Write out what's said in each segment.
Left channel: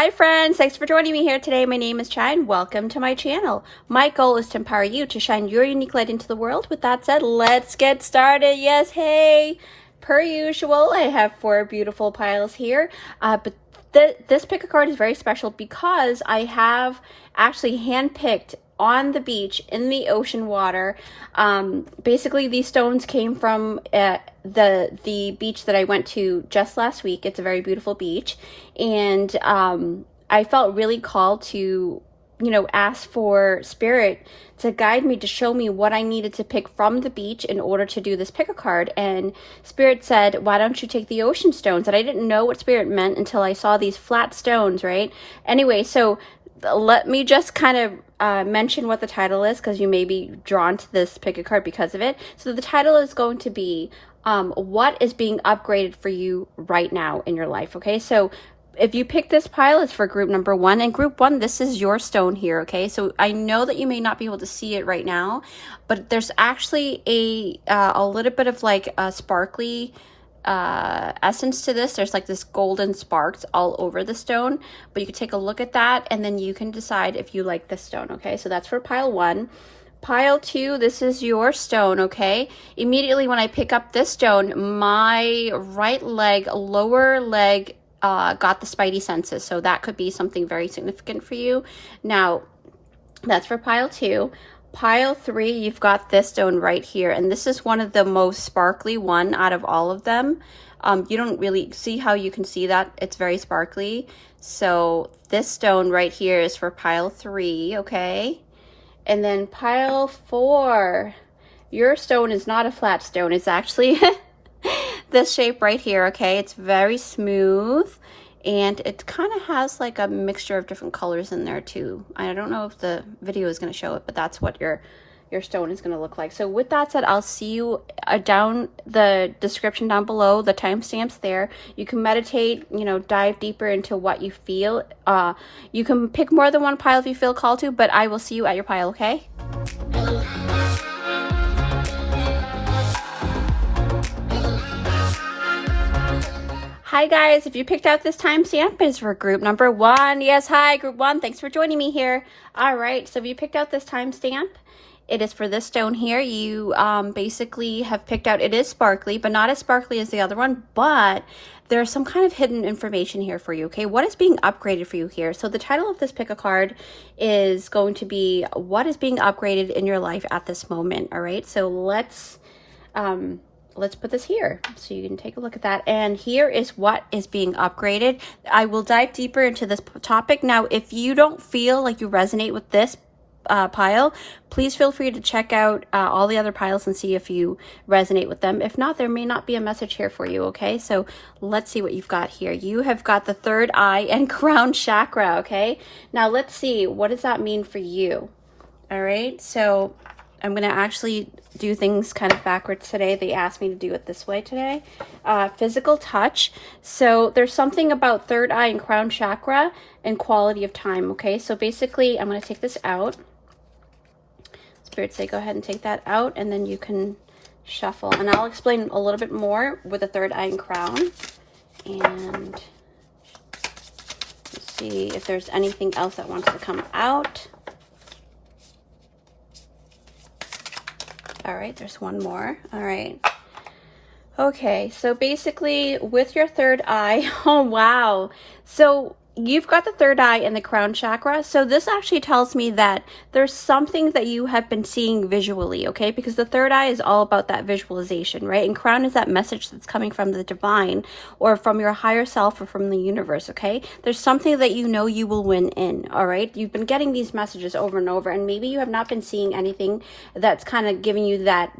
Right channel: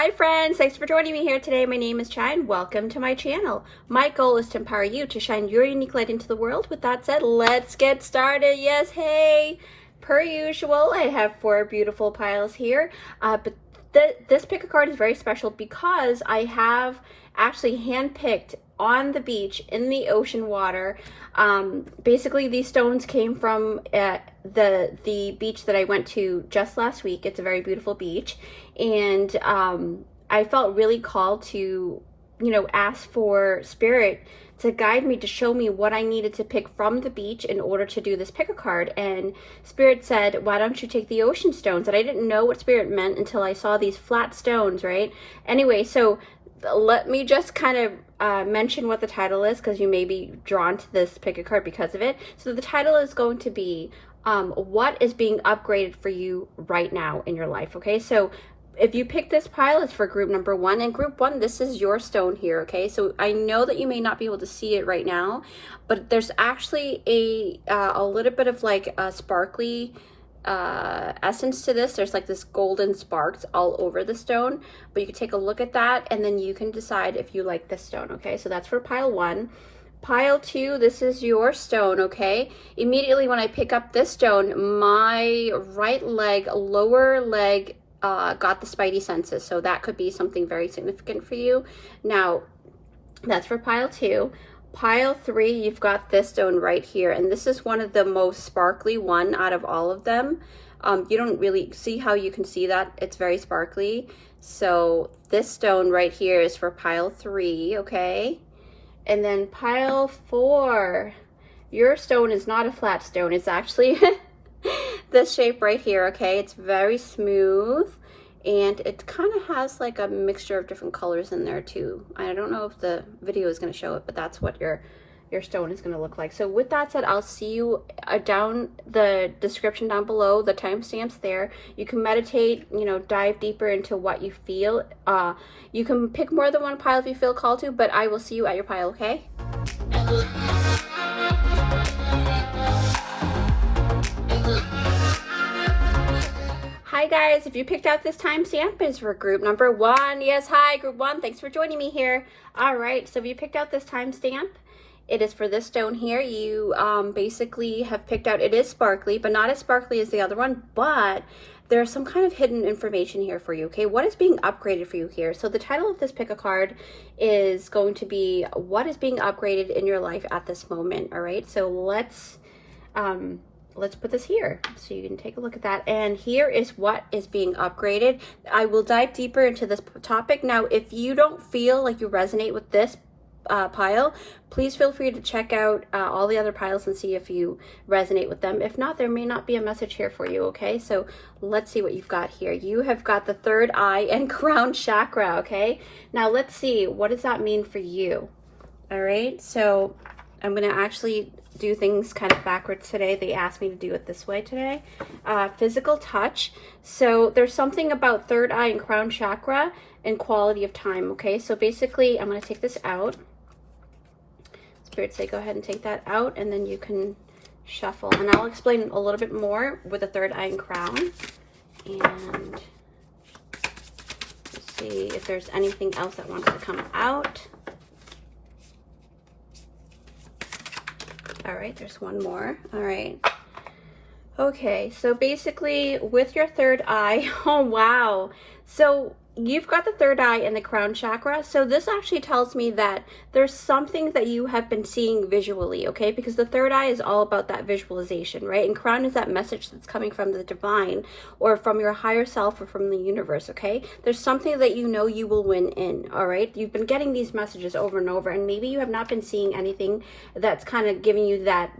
Hi friends, thanks for joining me here today. My name is Chai and welcome to my channel. My goal is to empower you to shine your unique light into the world. With that said, let's get started. Yes, hey, per usual, I have 4 beautiful piles here, but this pick a card is very special because I have actually handpicked on the beach in the ocean water. Basically these stones came from the beach that I went to just last week. It's a very beautiful beach, and I felt really called to ask for spirit to guide me, to show me what I needed to pick from the beach in order to do this pick a card. And spirit said, why don't you take the ocean stones? And I didn't know what spirit meant until I saw these flat stones, right? Anyway, so let me just kind of mention what the title is, because you may be drawn to this pick a card because of it. So the title is going to be what is being upgraded for you right now in your life. Okay, so if you pick this pile, it's for group number 1, and group 1, this is your stone here. Okay, so I know that you may not be able to see it right now, but there's actually a little bit of like a sparkly essence to this. There's like this golden sparks all over the stone, but you can take a look at that and then you can decide if you like this stone. Okay, so that's for pile 1. Pile 2, this is your stone. Okay, immediately when I pick up this stone, my right leg, lower leg, got the spidey senses, so that could be something very significant for you. Now that's for pile 2. Pile 3, you've got this stone right here, and this is one of the most sparkly one out of all of them. You don't really see how you can see that. It's very sparkly. So this stone right here is for pile 3. Okay, and then pile 4, your stone is not a flat stone. It's actually this shape right here. Okay, it's very smooth, and it kind of has like a mixture of different colors in there too. I don't know if the video is going to show it, but that's what your stone is going to look like. So with that said, I'll see you down the description down below, the timestamps there. You can meditate, dive deeper into what you feel. You can pick more than one pile if you feel called to, but I will see you at your pile. Okay. Hi guys, if you picked out this timestamp, it's for group number 1. Yes, hi group 1, thanks for joining me here. All right, so if you picked out this timestamp, it is for this stone here. You basically have picked out, it is sparkly, but not as sparkly as the other one, but there's some kind of hidden information here for you. Okay, what is being upgraded for you here? So the title of this pick a card is going to be what is being upgraded in your life at this moment. All right, so let's put this here so you can take a look at that. And here is what is being upgraded. I will dive deeper into this topic. Now, if you don't feel like you resonate with this pile, please feel free to check out all the other piles and see if you resonate with them. If not, there may not be a message here for you. Okay, so let's see what you've got here. You have got the third eye and crown chakra. Okay, now let's see, what does that mean for you? All right, so I'm going to actually do things kind of backwards today. They asked me to do it this way today. Physical touch. So there's something about third eye and crown chakra and quality of time. Okay, so basically I'm going to take this out. Spirit say go ahead and take that out, and then you can shuffle. And I'll explain a little bit more with the third eye and crown. And see if there's anything else that wants to come out. All right, there's one more. All right. Okay, so basically with your third eye, oh wow. So you've got the third eye and the crown chakra. So this actually tells me that there's something that you have been seeing visually, okay? Because the third eye is all about that visualization, right? And crown is that message that's coming from the divine or from your higher self or from the universe, okay? There's something that you know you will win in, all right? You've been getting these messages over and over, and maybe you have not been seeing anything that's kind of giving you that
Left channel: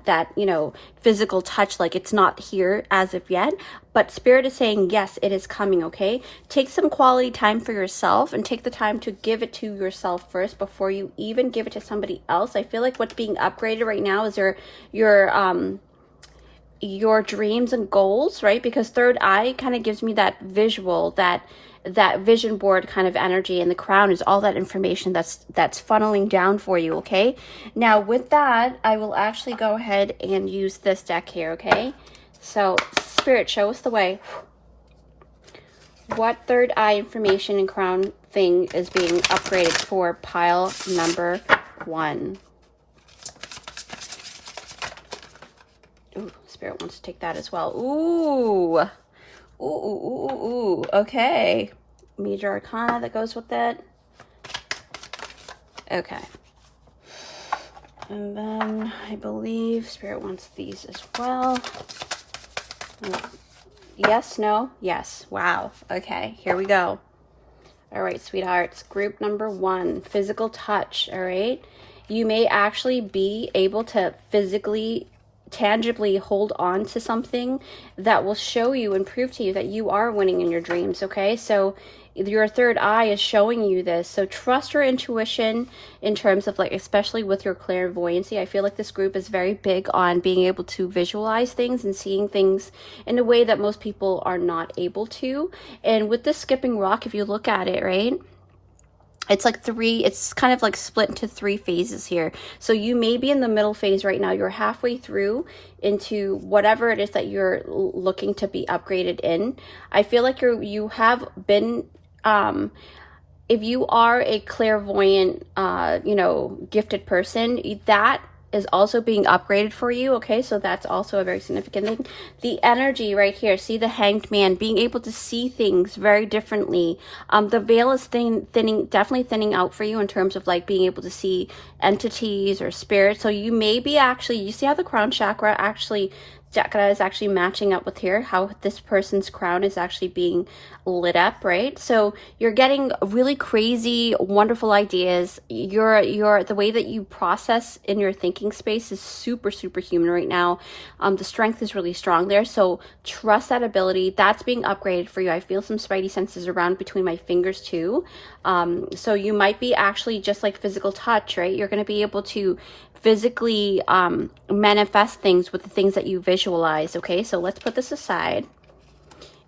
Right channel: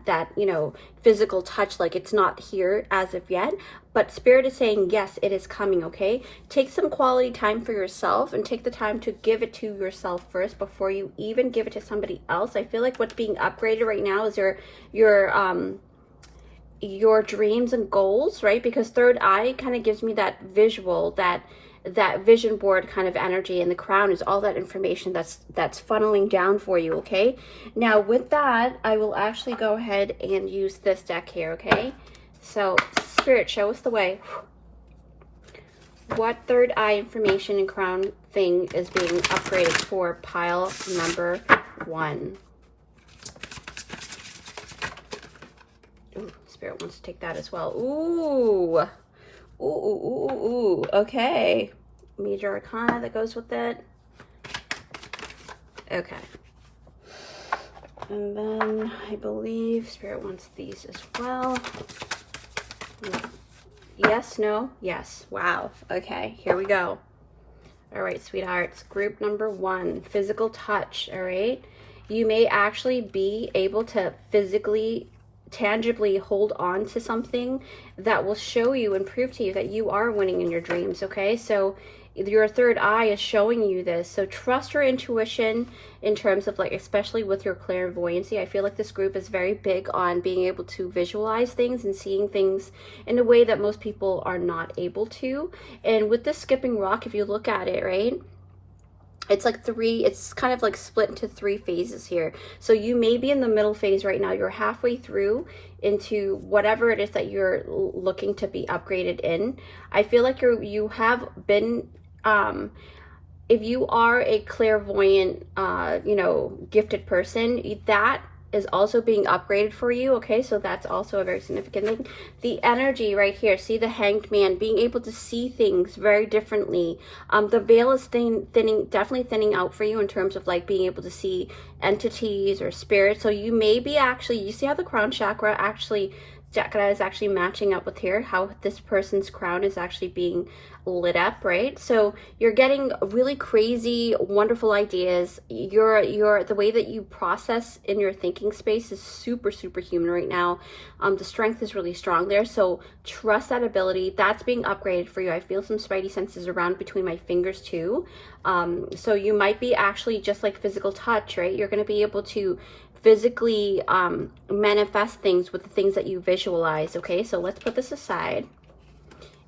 physical touch, like it's not here as of yet. But spirit is saying, yes, it is coming, okay? Take some quality time for yourself and take the time to give it to yourself first before you even give it to somebody else. I feel like what's being upgraded right now is your dreams and goals, right? Because third eye kind of gives me that visual, that vision board kind of energy, and the crown is all that information that's funneling down for you, okay? Now with that, I will actually go ahead and use this deck here, okay? So Spirit, show us the way. What third eye information and crown thing is being upgraded for pile number 1? Ooh, Spirit wants to take that as well. Ooh. Ooh, ooh, ooh, ooh, ooh. Okay. Major Arcana that goes with it. Okay. And then I believe Spirit wants these as well. Yes, no, yes. Wow. Okay, here we go. All right, sweethearts. Group number 1, physical touch. All right. You may actually be able to physically, tangibly hold on to something that will show you and prove to you that you are winning in your dreams. Okay, so your third eye is showing you this. So trust your intuition in terms of, like, especially with your clairvoyancy. I feel like this group is very big on being able to visualize things and seeing things in a way that most people are not able to. And with this skipping rock, if you look at it, right, it's like it's kind of like split into 3 phases here. So you may be in the middle phase right now. You're halfway through into whatever it is that you're looking to be upgraded in. I feel like you have been, if you are a clairvoyant, you know, gifted person, that is also being upgraded for you. Okay, so that's also a very significant thing. The energy right here, see the Hanged Man, being able to see things very differently. The veil is definitely thinning out for you in terms of, like, being able to see entities or spirits. So you may be actually, you see how the crown chakra is actually matching up with here, how this person's crown is actually being lit up, right? So you're getting really crazy, wonderful ideas. The way that you process in your thinking space is super, super human right now. The strength is really strong there. So trust that ability. That's being upgraded for you. I feel some spidey senses around between my fingers too. So you might be actually just like physical touch, right? You're going to be able to physically manifest things with the things that you visualize. Okay, so let's put this aside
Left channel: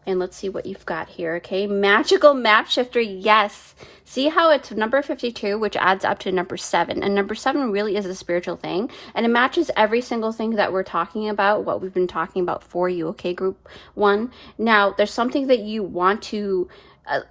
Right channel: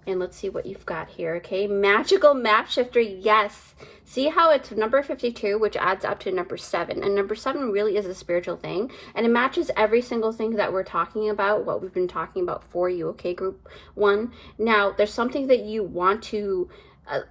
and let's see what you've got here. Okay, magical map shifter. Yes, see how it's number 52, which adds up to number 7, and number 7 really is a spiritual thing, and it matches every single thing that we're talking about, what we've been talking about for you. Okay, group 1. Now there's something that you want to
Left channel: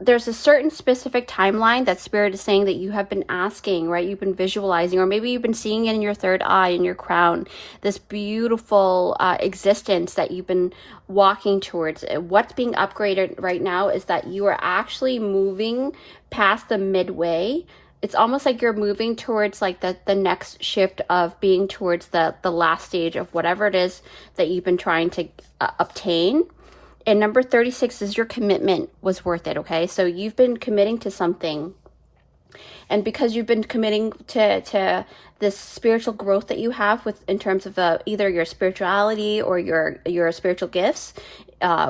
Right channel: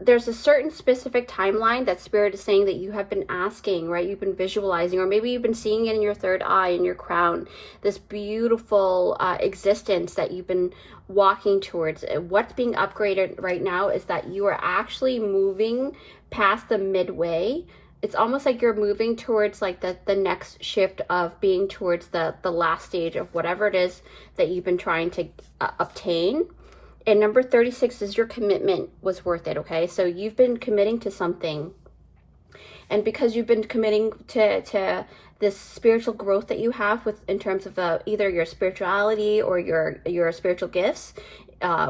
there's a certain specific timeline that Spirit is saying that you have been asking, right? You've been visualizing, or maybe you've been seeing it in your third eye, in your crown, this beautiful existence that you've been walking towards. What's being upgraded right now is that you are actually moving past the midway. It's almost like you're moving towards, like, the next shift of being towards the last stage of whatever it is that you've been trying to obtain. And number 36 is your commitment was worth it. Okay, so you've been committing to something, and because you've been committing to this spiritual growth that you have with, in terms of either your spirituality or your spiritual gifts,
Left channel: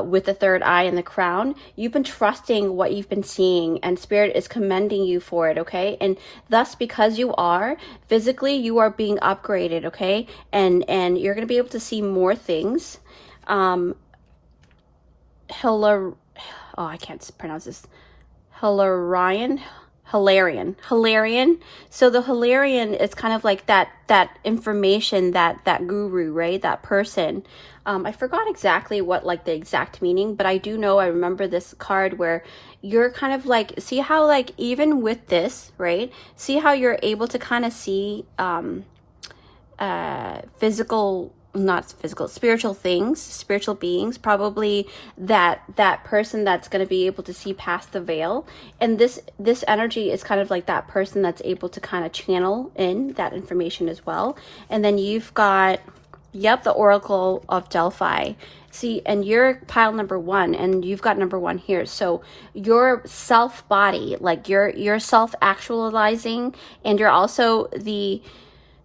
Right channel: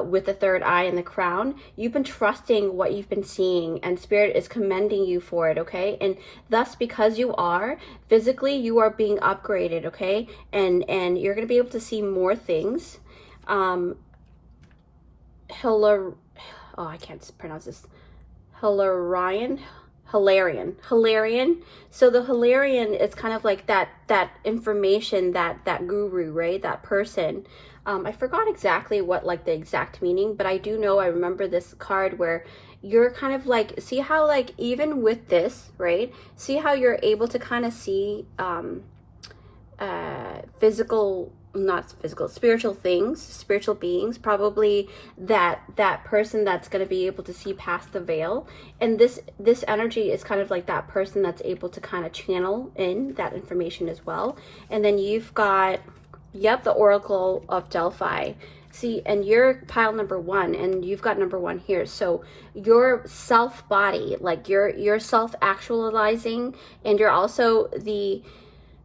with the third eye and the crown, you've been trusting what you've been seeing, and Spirit is commending you for it. Okay, and thus, because you are physically, you are being upgraded. Okay, and you're going to be able to see more things. I can't pronounce this. Hilarion. So the Hilarion is kind of like that information, that guru, right? That person. I forgot exactly what, like, the exact meaning, but I do know, I remember this card where you're kind of like, see how, like, even with this, right? See how you're able to kind of see spiritual things, spiritual beings, probably that person that's going to be able to see past the veil. And this energy is kind of like that person that's able to kind of channel in that information as well. And then you've got, the Oracle of Delphi. See, and you're pile number 1, and you've got number 1 here. So your self body, like you're self actualizing, and you're also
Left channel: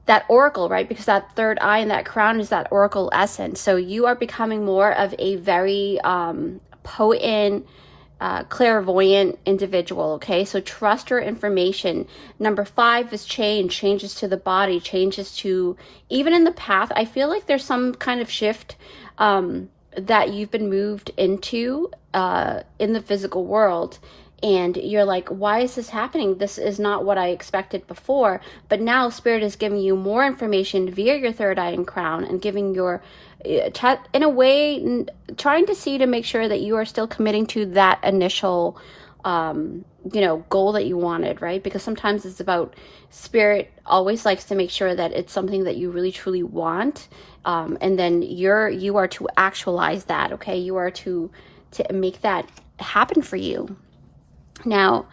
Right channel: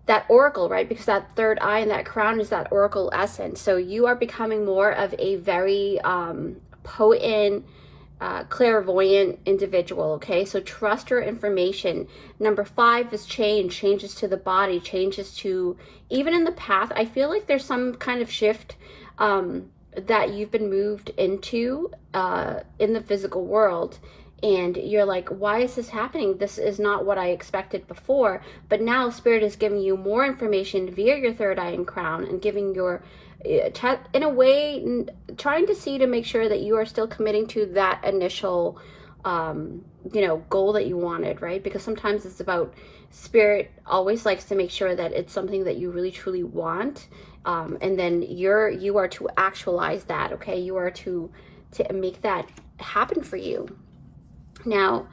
that oracle, right? Because that third eye and that crown is that oracle essence. So you are becoming more of a very potent, clairvoyant individual. Okay, so trust your information. Number 5 is changes to the body, changes to, even in the path. I feel like there's some kind of shift that you've been moved into in the physical world. and you're like, why is this happening? This is not what I expected before. But now Spirit is giving you more information via your third eye and crown, and giving your in a way, trying to see to make sure that you are still committing to that initial goal that you wanted, right? Because sometimes it's about, Spirit always likes to make sure that it's something that you really truly want, and then you are to actualize that. Okay, you are to make that happen for you. Now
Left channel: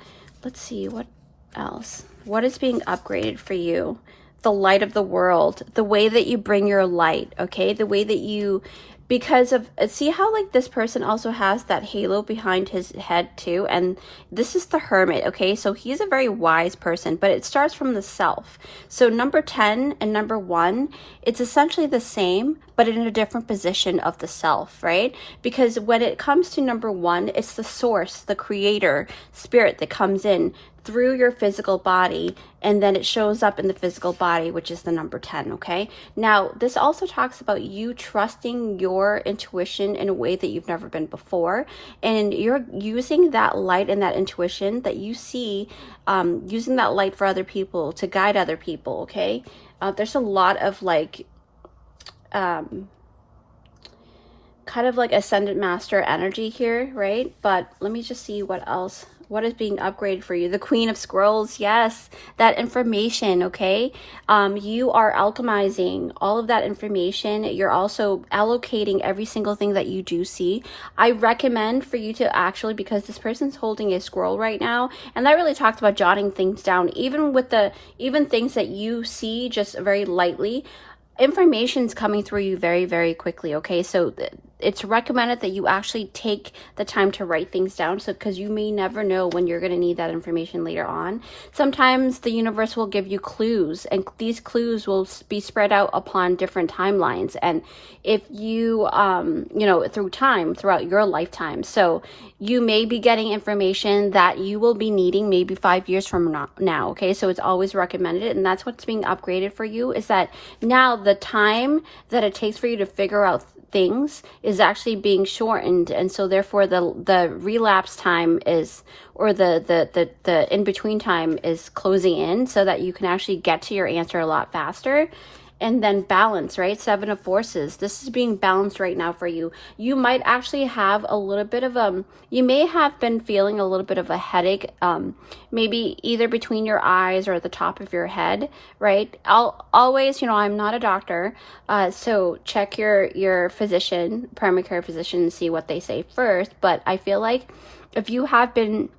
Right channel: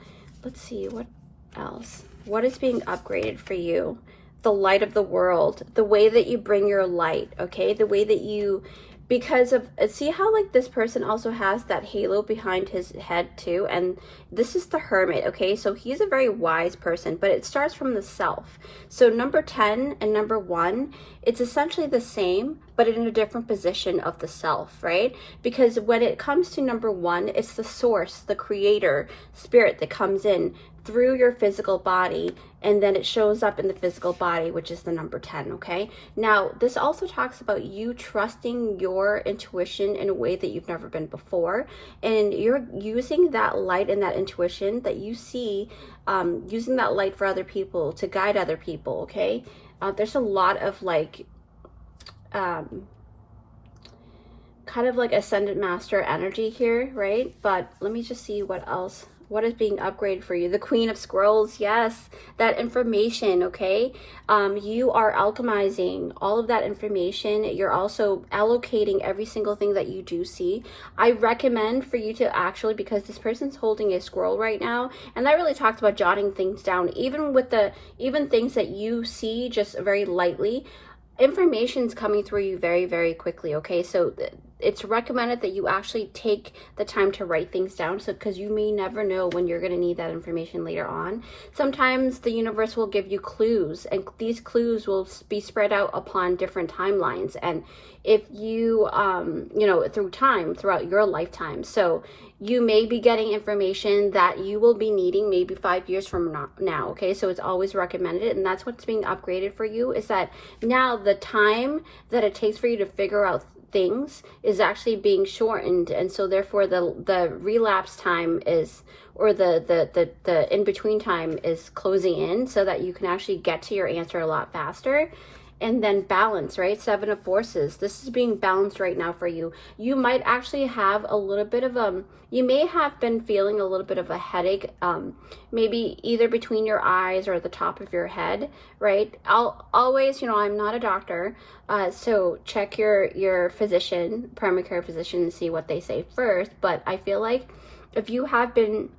let's see what else. What is being upgraded for you? The light of the world, the way that you bring your light. Okay, the way that you, because of, see how like this person also has that halo behind his head too, and this is the Hermit. Okay, so he's a very wise person, but it starts from the self. So number 10 and number 1, it's essentially the same, but in a different position of the self, right? Because when it comes to number 1, it's the source, the creator, Spirit that comes in through your physical body, and then it shows up in the physical body, which is the number 10. Okay, now this also talks about you trusting your intuition in a way that you've never been before, and you're using that light and that intuition that you see, using that light for other people, to guide other people. Okay, there's a lot of like kind of like ascendant master energy here, right? But let me just see what else. What is being upgraded for you? The Queen of Scrolls, yes, that information. Okay, you are alchemizing all of that information. You're also allocating every single thing that you do see. I recommend for you to actually, because this person's holding a scroll right now, and that really talks about jotting things down, even things that you see just very lightly. Information's coming through you very, very quickly. Okay, so it's recommended that you actually take the time to write things down, so because you may never know when you're going to need that information later on. Sometimes the universe will give you clues, and these clues will be spread out upon different timelines, and if you throughout your lifetime. So you may be getting information that you will be needing maybe 5 years from now. Okay, so it's always recommended, and that's what's being upgraded for you, is that now the time that it takes for you to figure out things is actually being shortened, and so therefore the relapse time is, or the in between time is closing in, so that you can actually get to your answer a lot faster. And then balance, right? 7 of Forces. This is being balanced right now for you. You might actually have a little bit of you may have been feeling a little bit of a headache, maybe either between your eyes or at the top of your head, right? I'll always, I'm not a doctor, so check your physician, primary care physician, and see what they say first. But I feel like if you have been,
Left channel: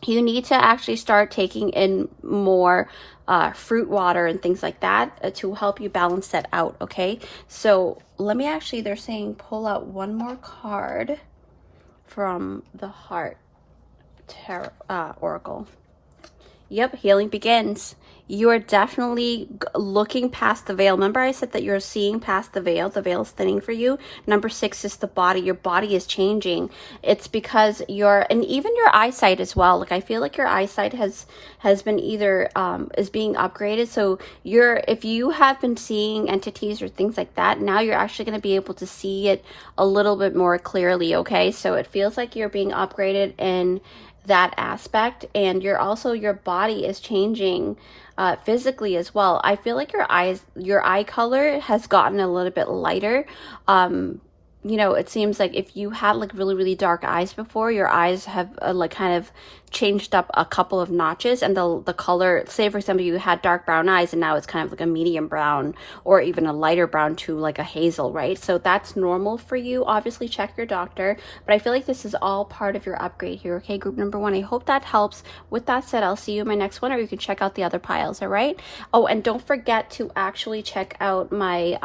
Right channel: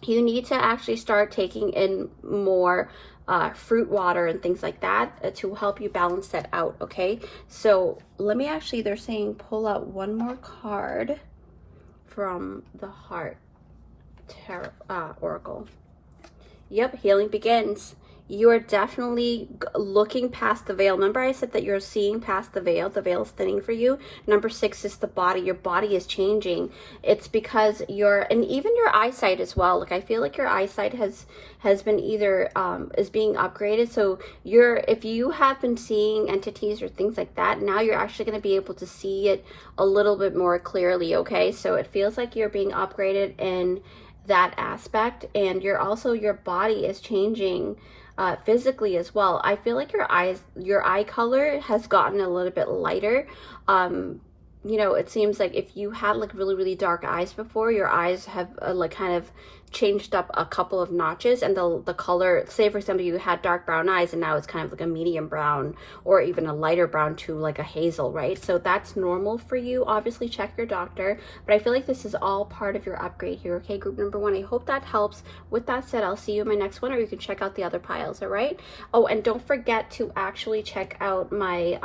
you need to actually start taking in more fruit water and things like that to help you balance that out. Okay, so let me actually, they're saying pull out one more card from the Heart Tarot Oracle. Yep, healing begins. You are definitely looking past the veil. Remember I said that you're seeing past the veil. The veil is thinning for you. Number 6 is the body. Your body is changing. It's because and even your eyesight as well. Like I feel like your eyesight has been either is being upgraded. So if you have been seeing entities or things like that, now you're actually going to be able to see it a little bit more clearly. Okay, so it feels like you're being upgraded in that aspect, and your body is changing physically as well. I feel like your eye color has gotten a little bit lighter. It seems like if you had like really, really dark eyes before, your eyes have like kind of changed up a couple of notches, and the color, say for example you had dark brown eyes and now it's kind of like a medium brown or even a lighter brown to like a hazel, right? So that's normal for you. Obviously check your doctor, but I feel like this is all part of your upgrade here. Okay, group number 1, I hope that helps. With that said, I'll see you in my next one, or you can check out the other piles. All right, oh, and don't forget to actually check out my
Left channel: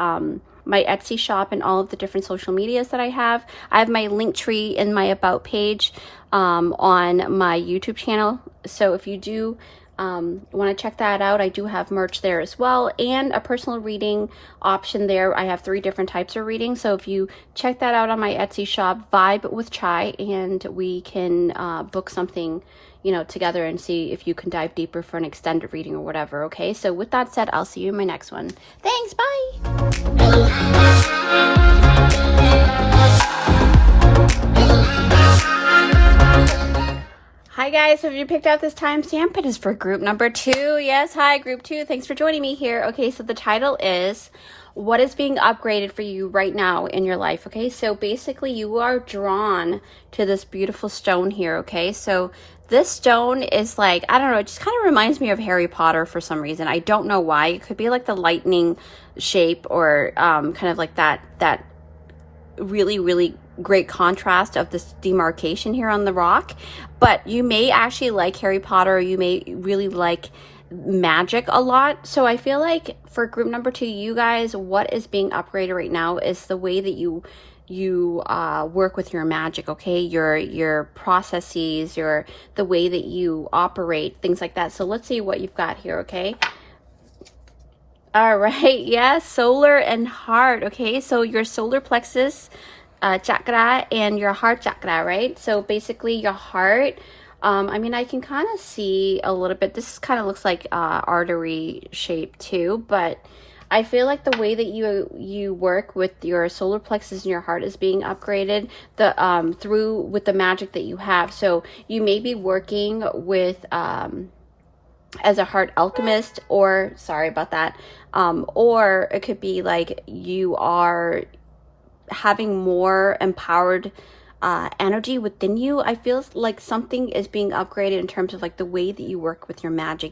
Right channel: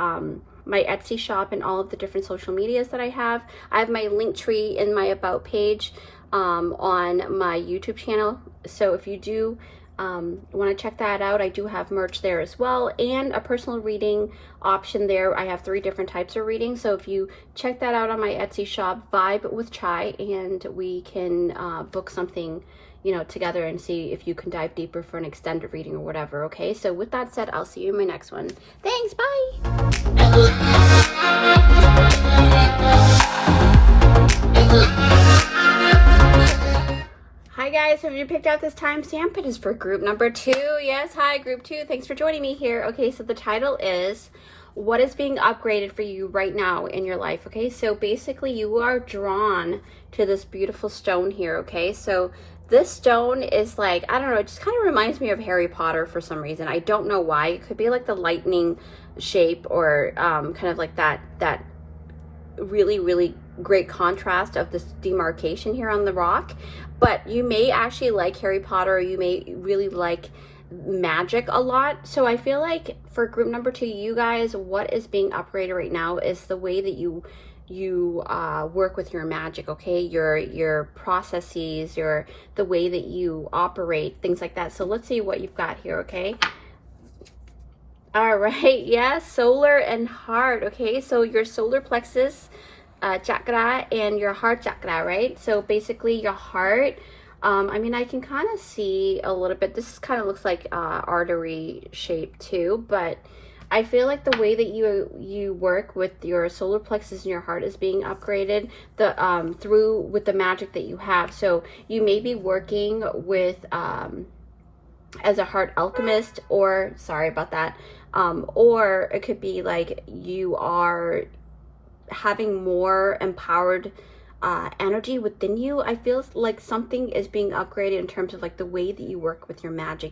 my Etsy shop and all of the different social medias that I have. I have my link tree in my about page on my YouTube channel. So if you do want to check that out, I do have merch there as well, and a personal reading option there. I have 3 different types of reading. So if you check that out on my Etsy shop, Vibe with Chai, and we can book something together and see if you can dive deeper for an extended reading or whatever. Okay, so with that said, I'll see you in my next one. Thanks, bye. Hi guys. guys, so if you picked out this timestamp, it is for group number 2. Yes, hi, group 2. Thanks for joining me here. Okay, so the title is what is being upgraded for you right now in your life. Okay, so basically you are drawn to this beautiful stone here. Okay, so this stone is like, I don't know, it just kind of reminds me of Harry Potter for some reason. I don't know why. It could be like the lightning shape, or kind of like that really great contrast of this demarcation here on the rock. But you may actually like Harry Potter, or you may really like magic a lot. So I feel like for group number 2, you guys, what is being upgraded right now is the way that you work with your magic. Okay, your processes, the way that you operate, things like that. So let's see what you've got here. Okay, all right, yes, solar and heart. Okay, so your solar plexus chakra and your heart chakra, right? So basically your heart, I mean, I can kind of see a little bit. This kind of looks like artery shape too, but I feel like the way that you work with your solar plexus and your heart is being upgraded through with the magic that you have. So you may be working with as a heart alchemist, or sorry about that, or it could be like you are having more empowered energy within you. I feel like something is being upgraded in terms of like the way that you work with your magic.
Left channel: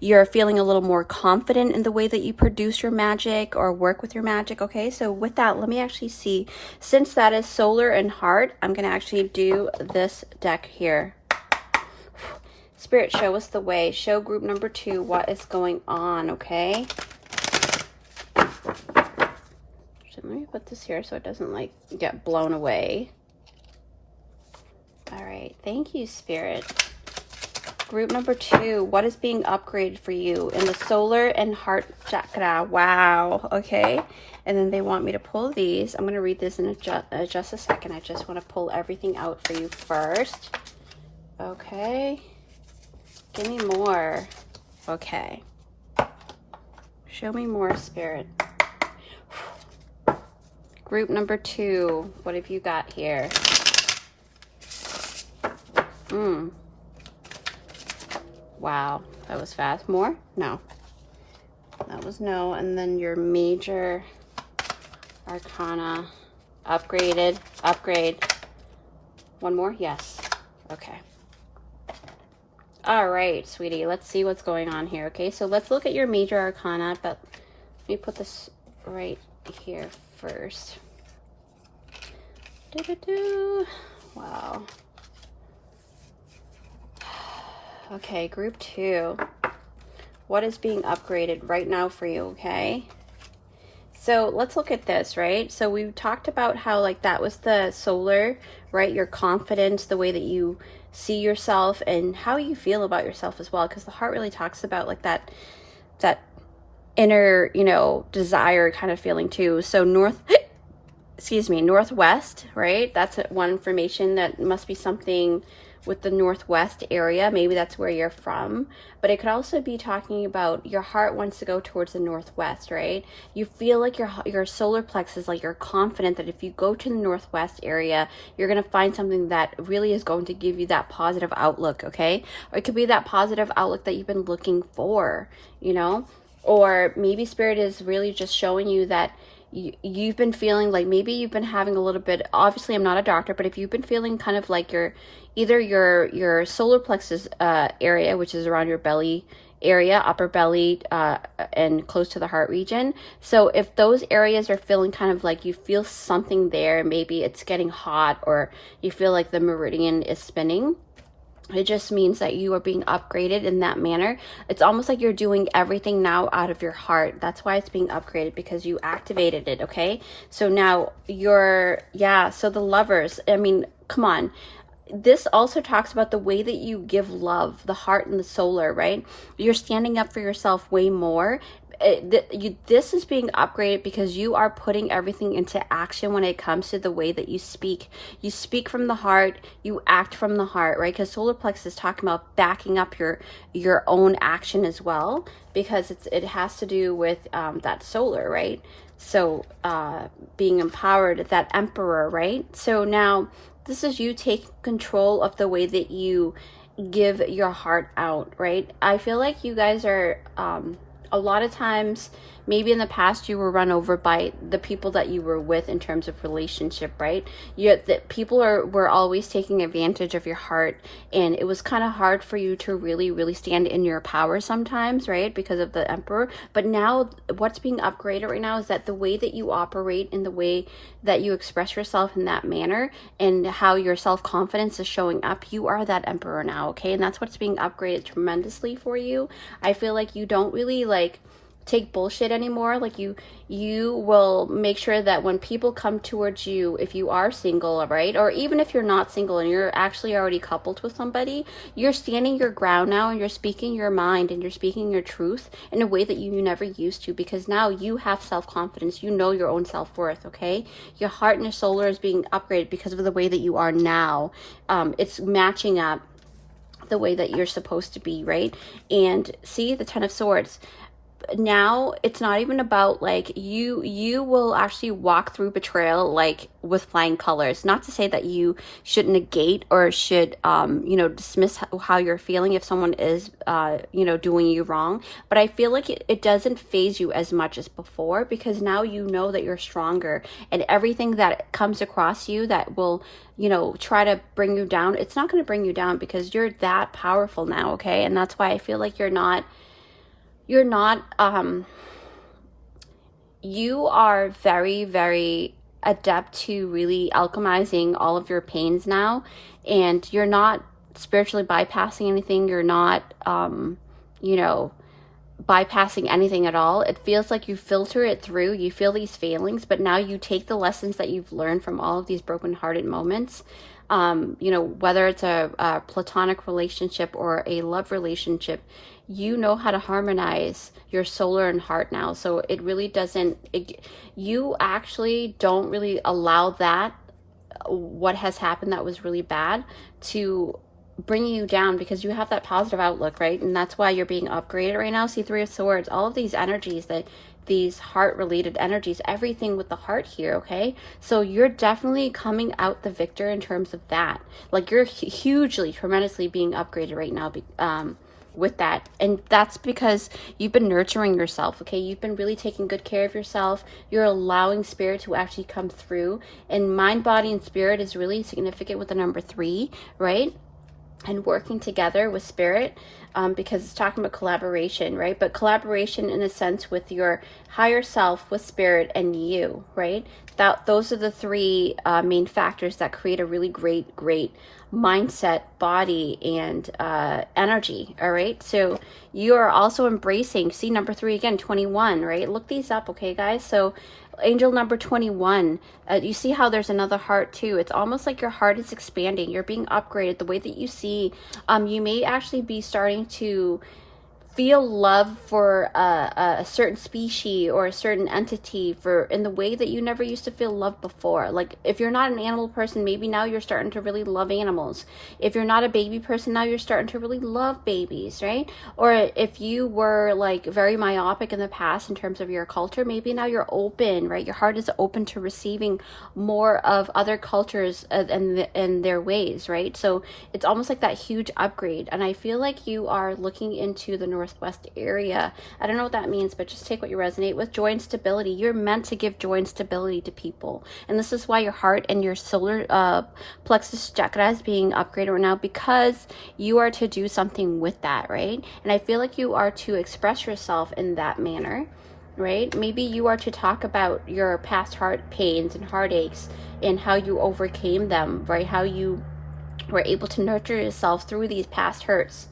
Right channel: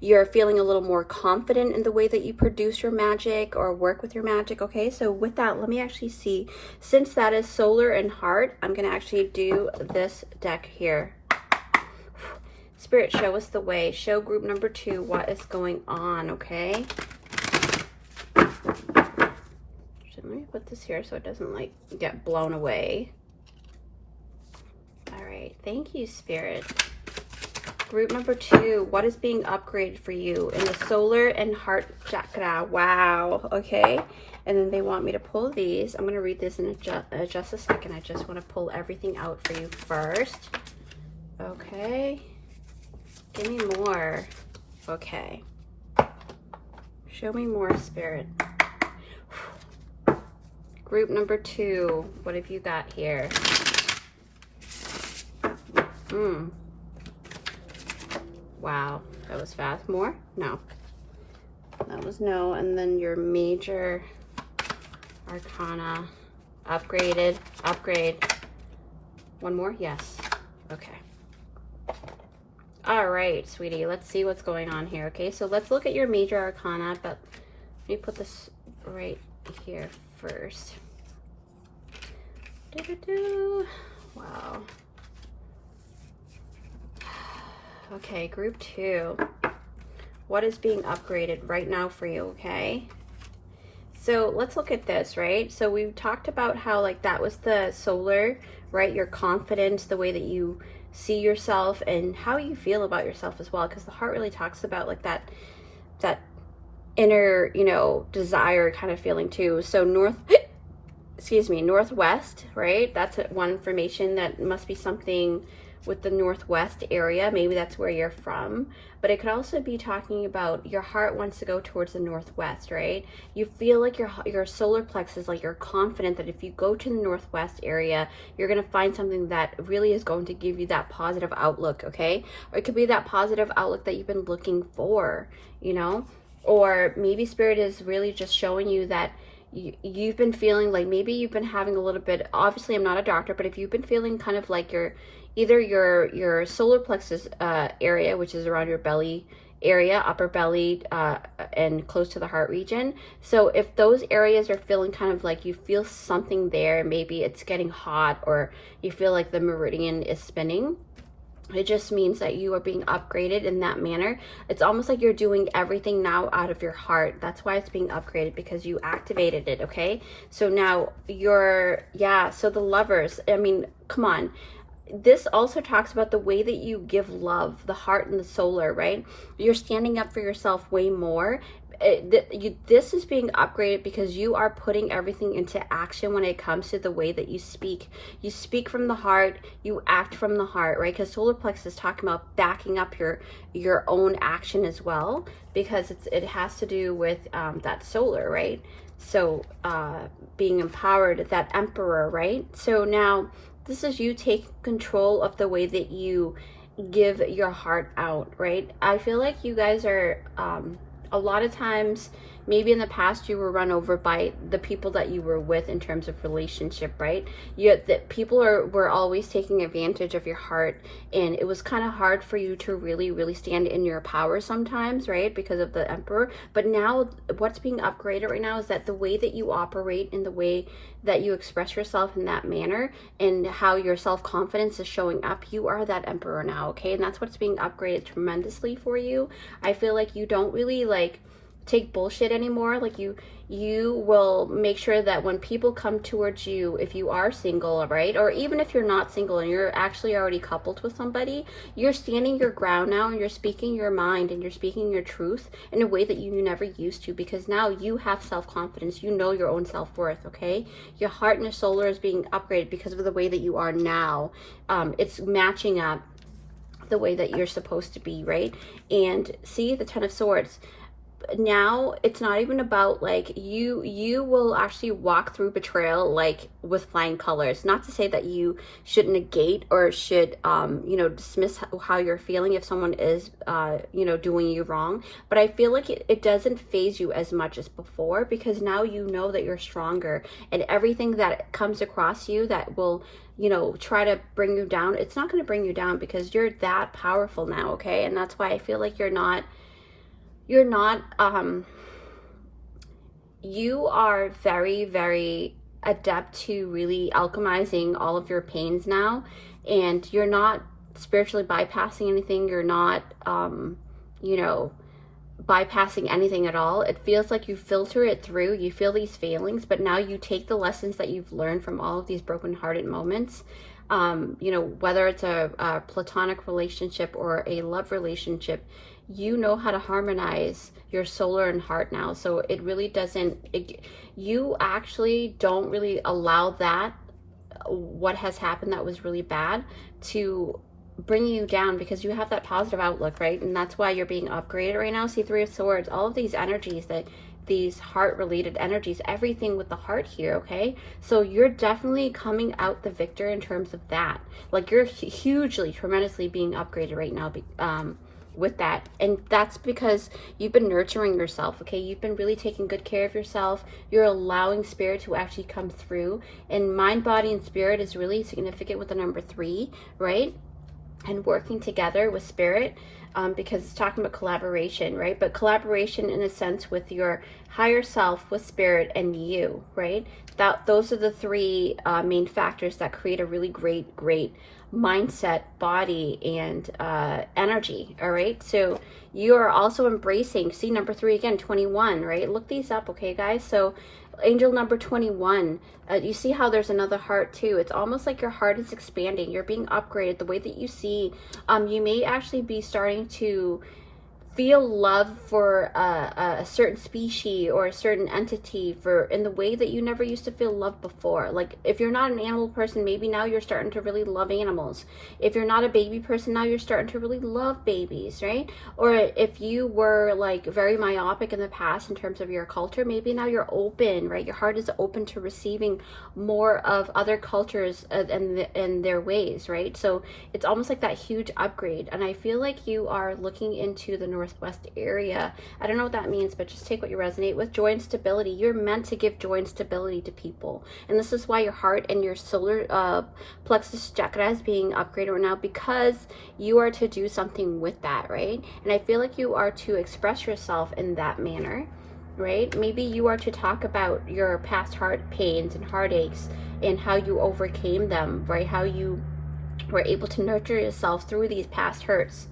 You're feeling a little more confident in the way that you produce your magic or work with your magic. Okay, so with that, let me actually see, since that is solar and heart, I'm gonna actually do this deck here. Spirit, show us the way. Show group number 2 what is going on. Okay, let me put this here so it doesn't like get blown away. All right, thank you, Spirit. Group number 2, what is being upgraded for you in the solar and heart chakra? Wow. Okay, and then they want me to pull these. I'm going to read this in just a second. I just want to pull everything out for you first. Okay, give me more. Okay, show me more, Spirit. Group number 2, what have you got here? Wow, that was fast. More? No. That was no. And then your major arcana. Upgraded. Upgrade. One more? Yes. Okay. All right, sweetie. Let's see what's going on here. Okay, so let's look at your major arcana, but let me put this right here first. Wow. Okay, group 2. What is being upgraded right now for you? Okay, so let's look at this, right? So we talked about how like that was the solar, right? Your confidence, the way that you see yourself and how you feel about yourself as well, because the heart really talks about like that inner, desire kind of feeling too. So northwest, right? That's one information. That must be something with the northwest area. Maybe that's where you're from, but it could also be talking about your heart wants to go towards the northwest, right? You feel like your solar plexus, like you're confident that if you go to the northwest area, you're going to find something that really is going to give you that positive outlook. Okay, or it could be that positive outlook that you've been looking for, or maybe Spirit is really just showing you that you've been feeling like maybe you've been having a little bit, obviously I'm not a doctor, but if you've been feeling kind of like either your solar plexus area, which is around your belly area, upper belly, and close to the heart region. So if those areas are feeling kind of like you feel something there, maybe it's getting hot, or you feel like the meridian is spinning, it just means that you are being upgraded in that manner. It's almost like you're doing everything now out of your heart. That's why it's being upgraded, because you activated it. Okay, so now so the Lovers, I mean, come on. This also talks about the way that you give love, the heart and the solar, right? You're standing up for yourself way more. This is being upgraded because you are putting everything into action when it comes to the way that you speak. You speak from the heart, you act from the heart, right? Because solar plexus is talking about backing up your own action as well, because it has to do with that solar, right? So being empowered, that emperor, right? So now this is you taking control of the way that you give your heart out, right? I feel like you guys are a lot of times, maybe in the past you were run over by the people that you were with in terms of relationship, right? People were always taking advantage of your heart, and it was kind of hard for you to really stand in your power sometimes, right? Because of the Emperor. But now what's being upgraded right now is that the way that you operate and the way that you express yourself in that manner and how your self-confidence is showing up, you are that Emperor now, okay? And that's what's being upgraded tremendously for you. I feel like you don't really like take bullshit anymore. Like you will make sure that when people come towards you, if you are single, right, or even if you're not single and you're actually already coupled with somebody, you're standing your ground now, and you're speaking your mind and you're speaking your truth in a way that you never used to, because now you have self-confidence. You know your own self-worth, okay? Your heart and your solar is being upgraded because of the way that you are now. It's matching up the way that you're supposed to be, right? And see the Ten of Swords. Now it's not even about like you will actually walk through betrayal like with flying colors. Not to say that you should negate or should dismiss how you're feeling if someone is doing you wrong, but I feel like it doesn't phase you as much as before, because now you know that you're stronger, and everything that comes across you that will try to bring you down, it's not going to bring you down, because you're that powerful now, okay? And that's why I feel like you are very, very adept to really alchemizing all of your pains now, and you're not spiritually bypassing anything. You're not bypassing anything at all. It feels like you filter it through. You feel these feelings, but now you take the lessons that you've learned from all of these broken-hearted moments, whether it's a platonic relationship or a love relationship. You know how to harmonize your solar and heart now. So it really doesn't, you actually don't really allow that, what has happened that was really bad, to bring you down, because you have that positive outlook, right? And that's why you're being upgraded right now. See, Three of Swords, all of these energies, these heart related energies, everything with the heart here, okay? So you're definitely coming out the victor in terms of that. Like you're hugely, tremendously being upgraded right now with that. And that's because you've been nurturing yourself, okay? You've been really taking good care of yourself. You're allowing spirit to actually come through, and mind, body, and spirit is really significant with the number 3, right? And working together with spirit, because it's talking about collaboration, right? But collaboration in a sense with your higher self, with spirit, and you, right? Those are the 3 main factors that create a really great mindset, body, and energy. All right, so you are also embracing, see, number 3 again, 21, right? Look these up, okay, guys? So angel number 21, you see how there's another heart too. It's almost like your heart is expanding. You're being upgraded. The way that you see, you may actually be starting to feel love for a certain species or a certain entity in the way that you never used to feel love before. Like if you're not an animal person, maybe now you're starting to really love animals. If you're not a baby person, now you're starting to really love babies, right? Or if you were like very myopic in the past in terms of your culture, maybe now you're open, right? Your heart is open to receiving more of other cultures and their ways, right? So it's almost like that huge upgrade. And I feel like you are looking into the Northwest area. I don't know what that means, but just take what you resonate with. Joy and stability. You're meant to give joy and stability to people, and this is why your heart and your solar plexus chakra is being upgraded right now, because you are to do something with that, right? And I feel like you are to express yourself in that manner, right? Maybe you are to talk about your past heart pains and heartaches and how you overcame them, right? How you were able to nurture yourself through these past hurts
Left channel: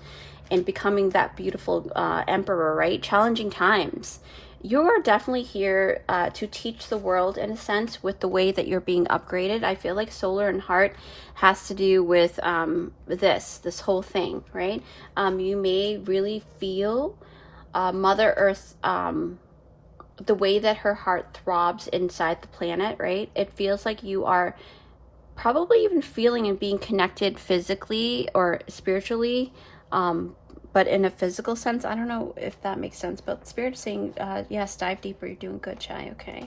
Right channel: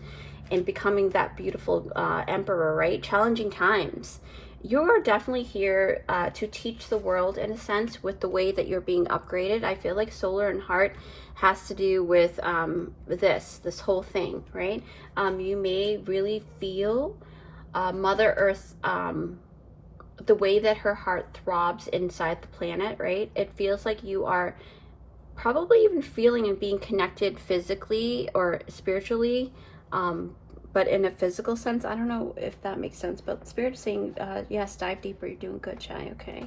and becoming that beautiful emperor, right? Challenging times. You are definitely here to teach the world, in a sense, with the way that you're being upgraded. I feel like solar and heart has to do with this whole thing, right? You may really feel Mother Earth, the way that her heart throbs inside the planet, right? It feels like you are probably even feeling and being connected physically or spiritually, but in a physical sense. I don't know if that makes sense, but Spirit's saying, yes, dive deeper. You're doing good, Chai. Okay.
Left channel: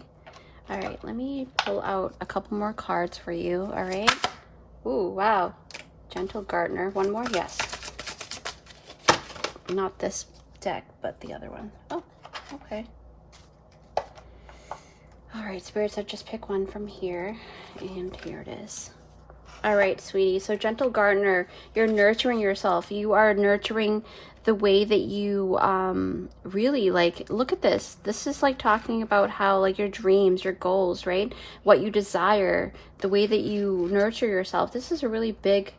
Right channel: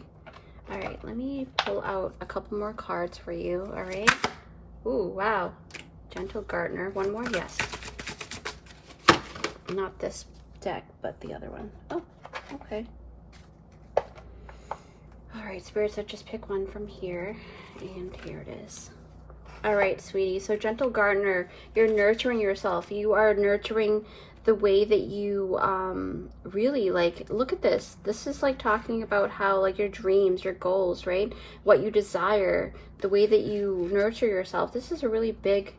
All right. Let me pull out a couple more cards for you. All right. Ooh, wow. Gentle Gardener. One more? Yes. Not this deck, but the other one. Oh, okay. All right, Spirit said just pick one from here, and here it is. All right, sweetie. So Gentle Gardener, you're nurturing yourself. You are nurturing the way that you really, like, look at this. This is like talking about how, like, your dreams, your goals, right? What you desire, the way that you nurture yourself. This is a really big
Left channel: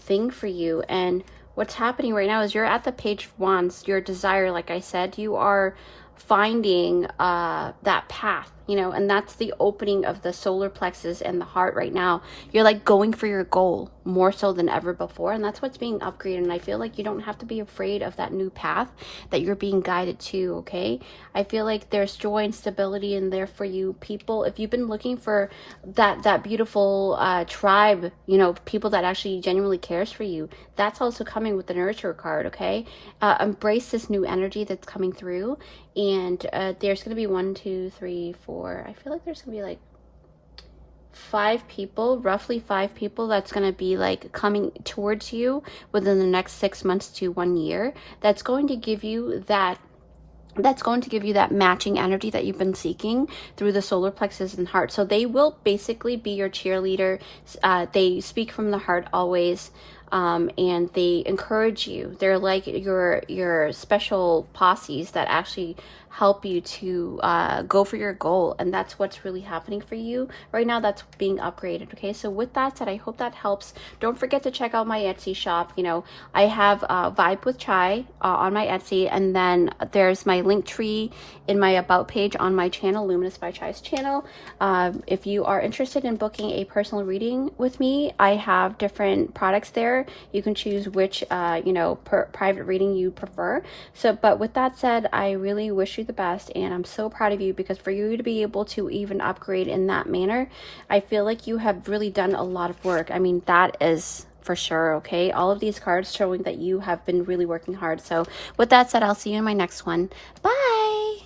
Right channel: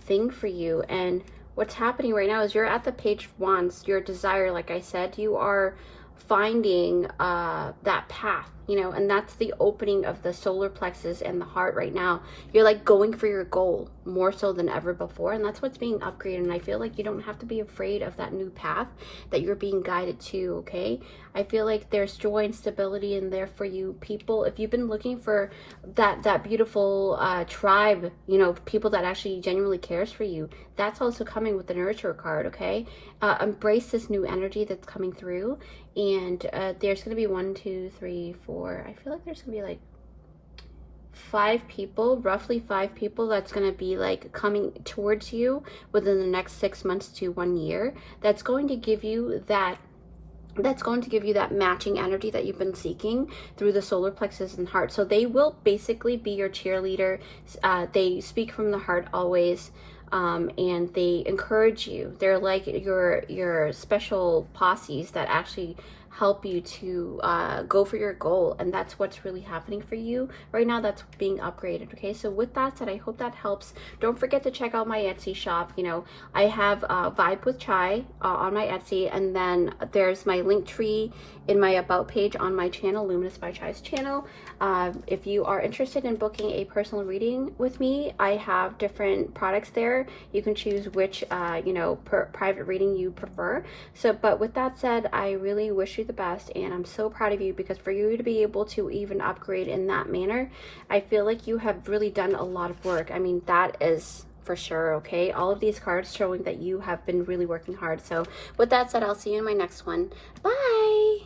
thing for you. And what's happening right now is you're at the Page of Wands. Your desire, like I said, you are finding that path, you know, and that's the opening of the solar plexus and the heart right now. You're like going for your goal more so than ever before, and that's what's being upgraded. And I feel like you don't have to be afraid of that new path that you're being guided to. Okay, I feel like there's joy and stability in there for you people. If you've been looking for that beautiful tribe, you know, people that actually genuinely cares for you, that's also coming with the Nurture card. Okay, embrace this new energy that's coming through. And there's going to be 1, 2, 3, 4. I feel like there's going to be like 5 people, roughly 5 people that's going to be like coming towards you within the next 6 months to 1 year. That's going to give you that matching energy that you've been seeking through the solar plexus and heart. So they will basically be your cheerleader. They speak from the heart always. And they encourage you. They're like your special posses that actually help you to go for your goal, and that's what's really happening for you right now. That's being upgraded. Okay, so with that said, I hope that helps. Don't forget to check out my Etsy shop. You know, I have Vibe with Chai on my Etsy, and then there's my link tree in my about page on my channel, Luminous by Chai's channel. If you are interested in booking a personal reading with me, I have different products there. You can choose which you know, private reading you prefer. So, but with that said, I really wish you the best, and I'm so proud of you, because for you to be able to even upgrade in that manner, I feel like you have really done a lot of work. I mean, that is for sure. Okay, all of these cards showing that you have been really working hard. So with that said, I'll see you in my next one. Bye.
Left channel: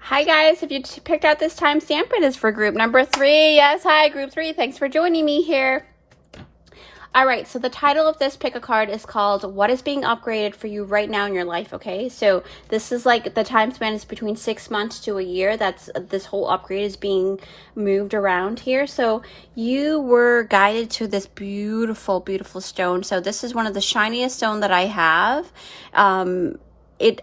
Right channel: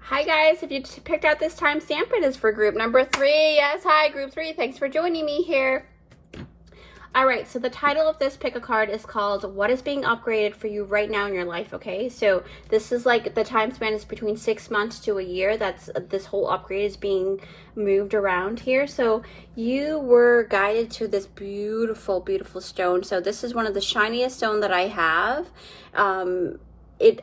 Hi guys, if you picked out this timestamp, it is for group number 3. Yes, hi group 3. Thanks for joining me here. All right, so the title of this pick a card is called What is Being Upgraded for You Right Now in Your Life. Okay, so this is like the time span is between 6 months to a year. That's this whole upgrade is being moved around here. So you were guided to this beautiful, beautiful stone. So this is one of the shiniest stone that I have.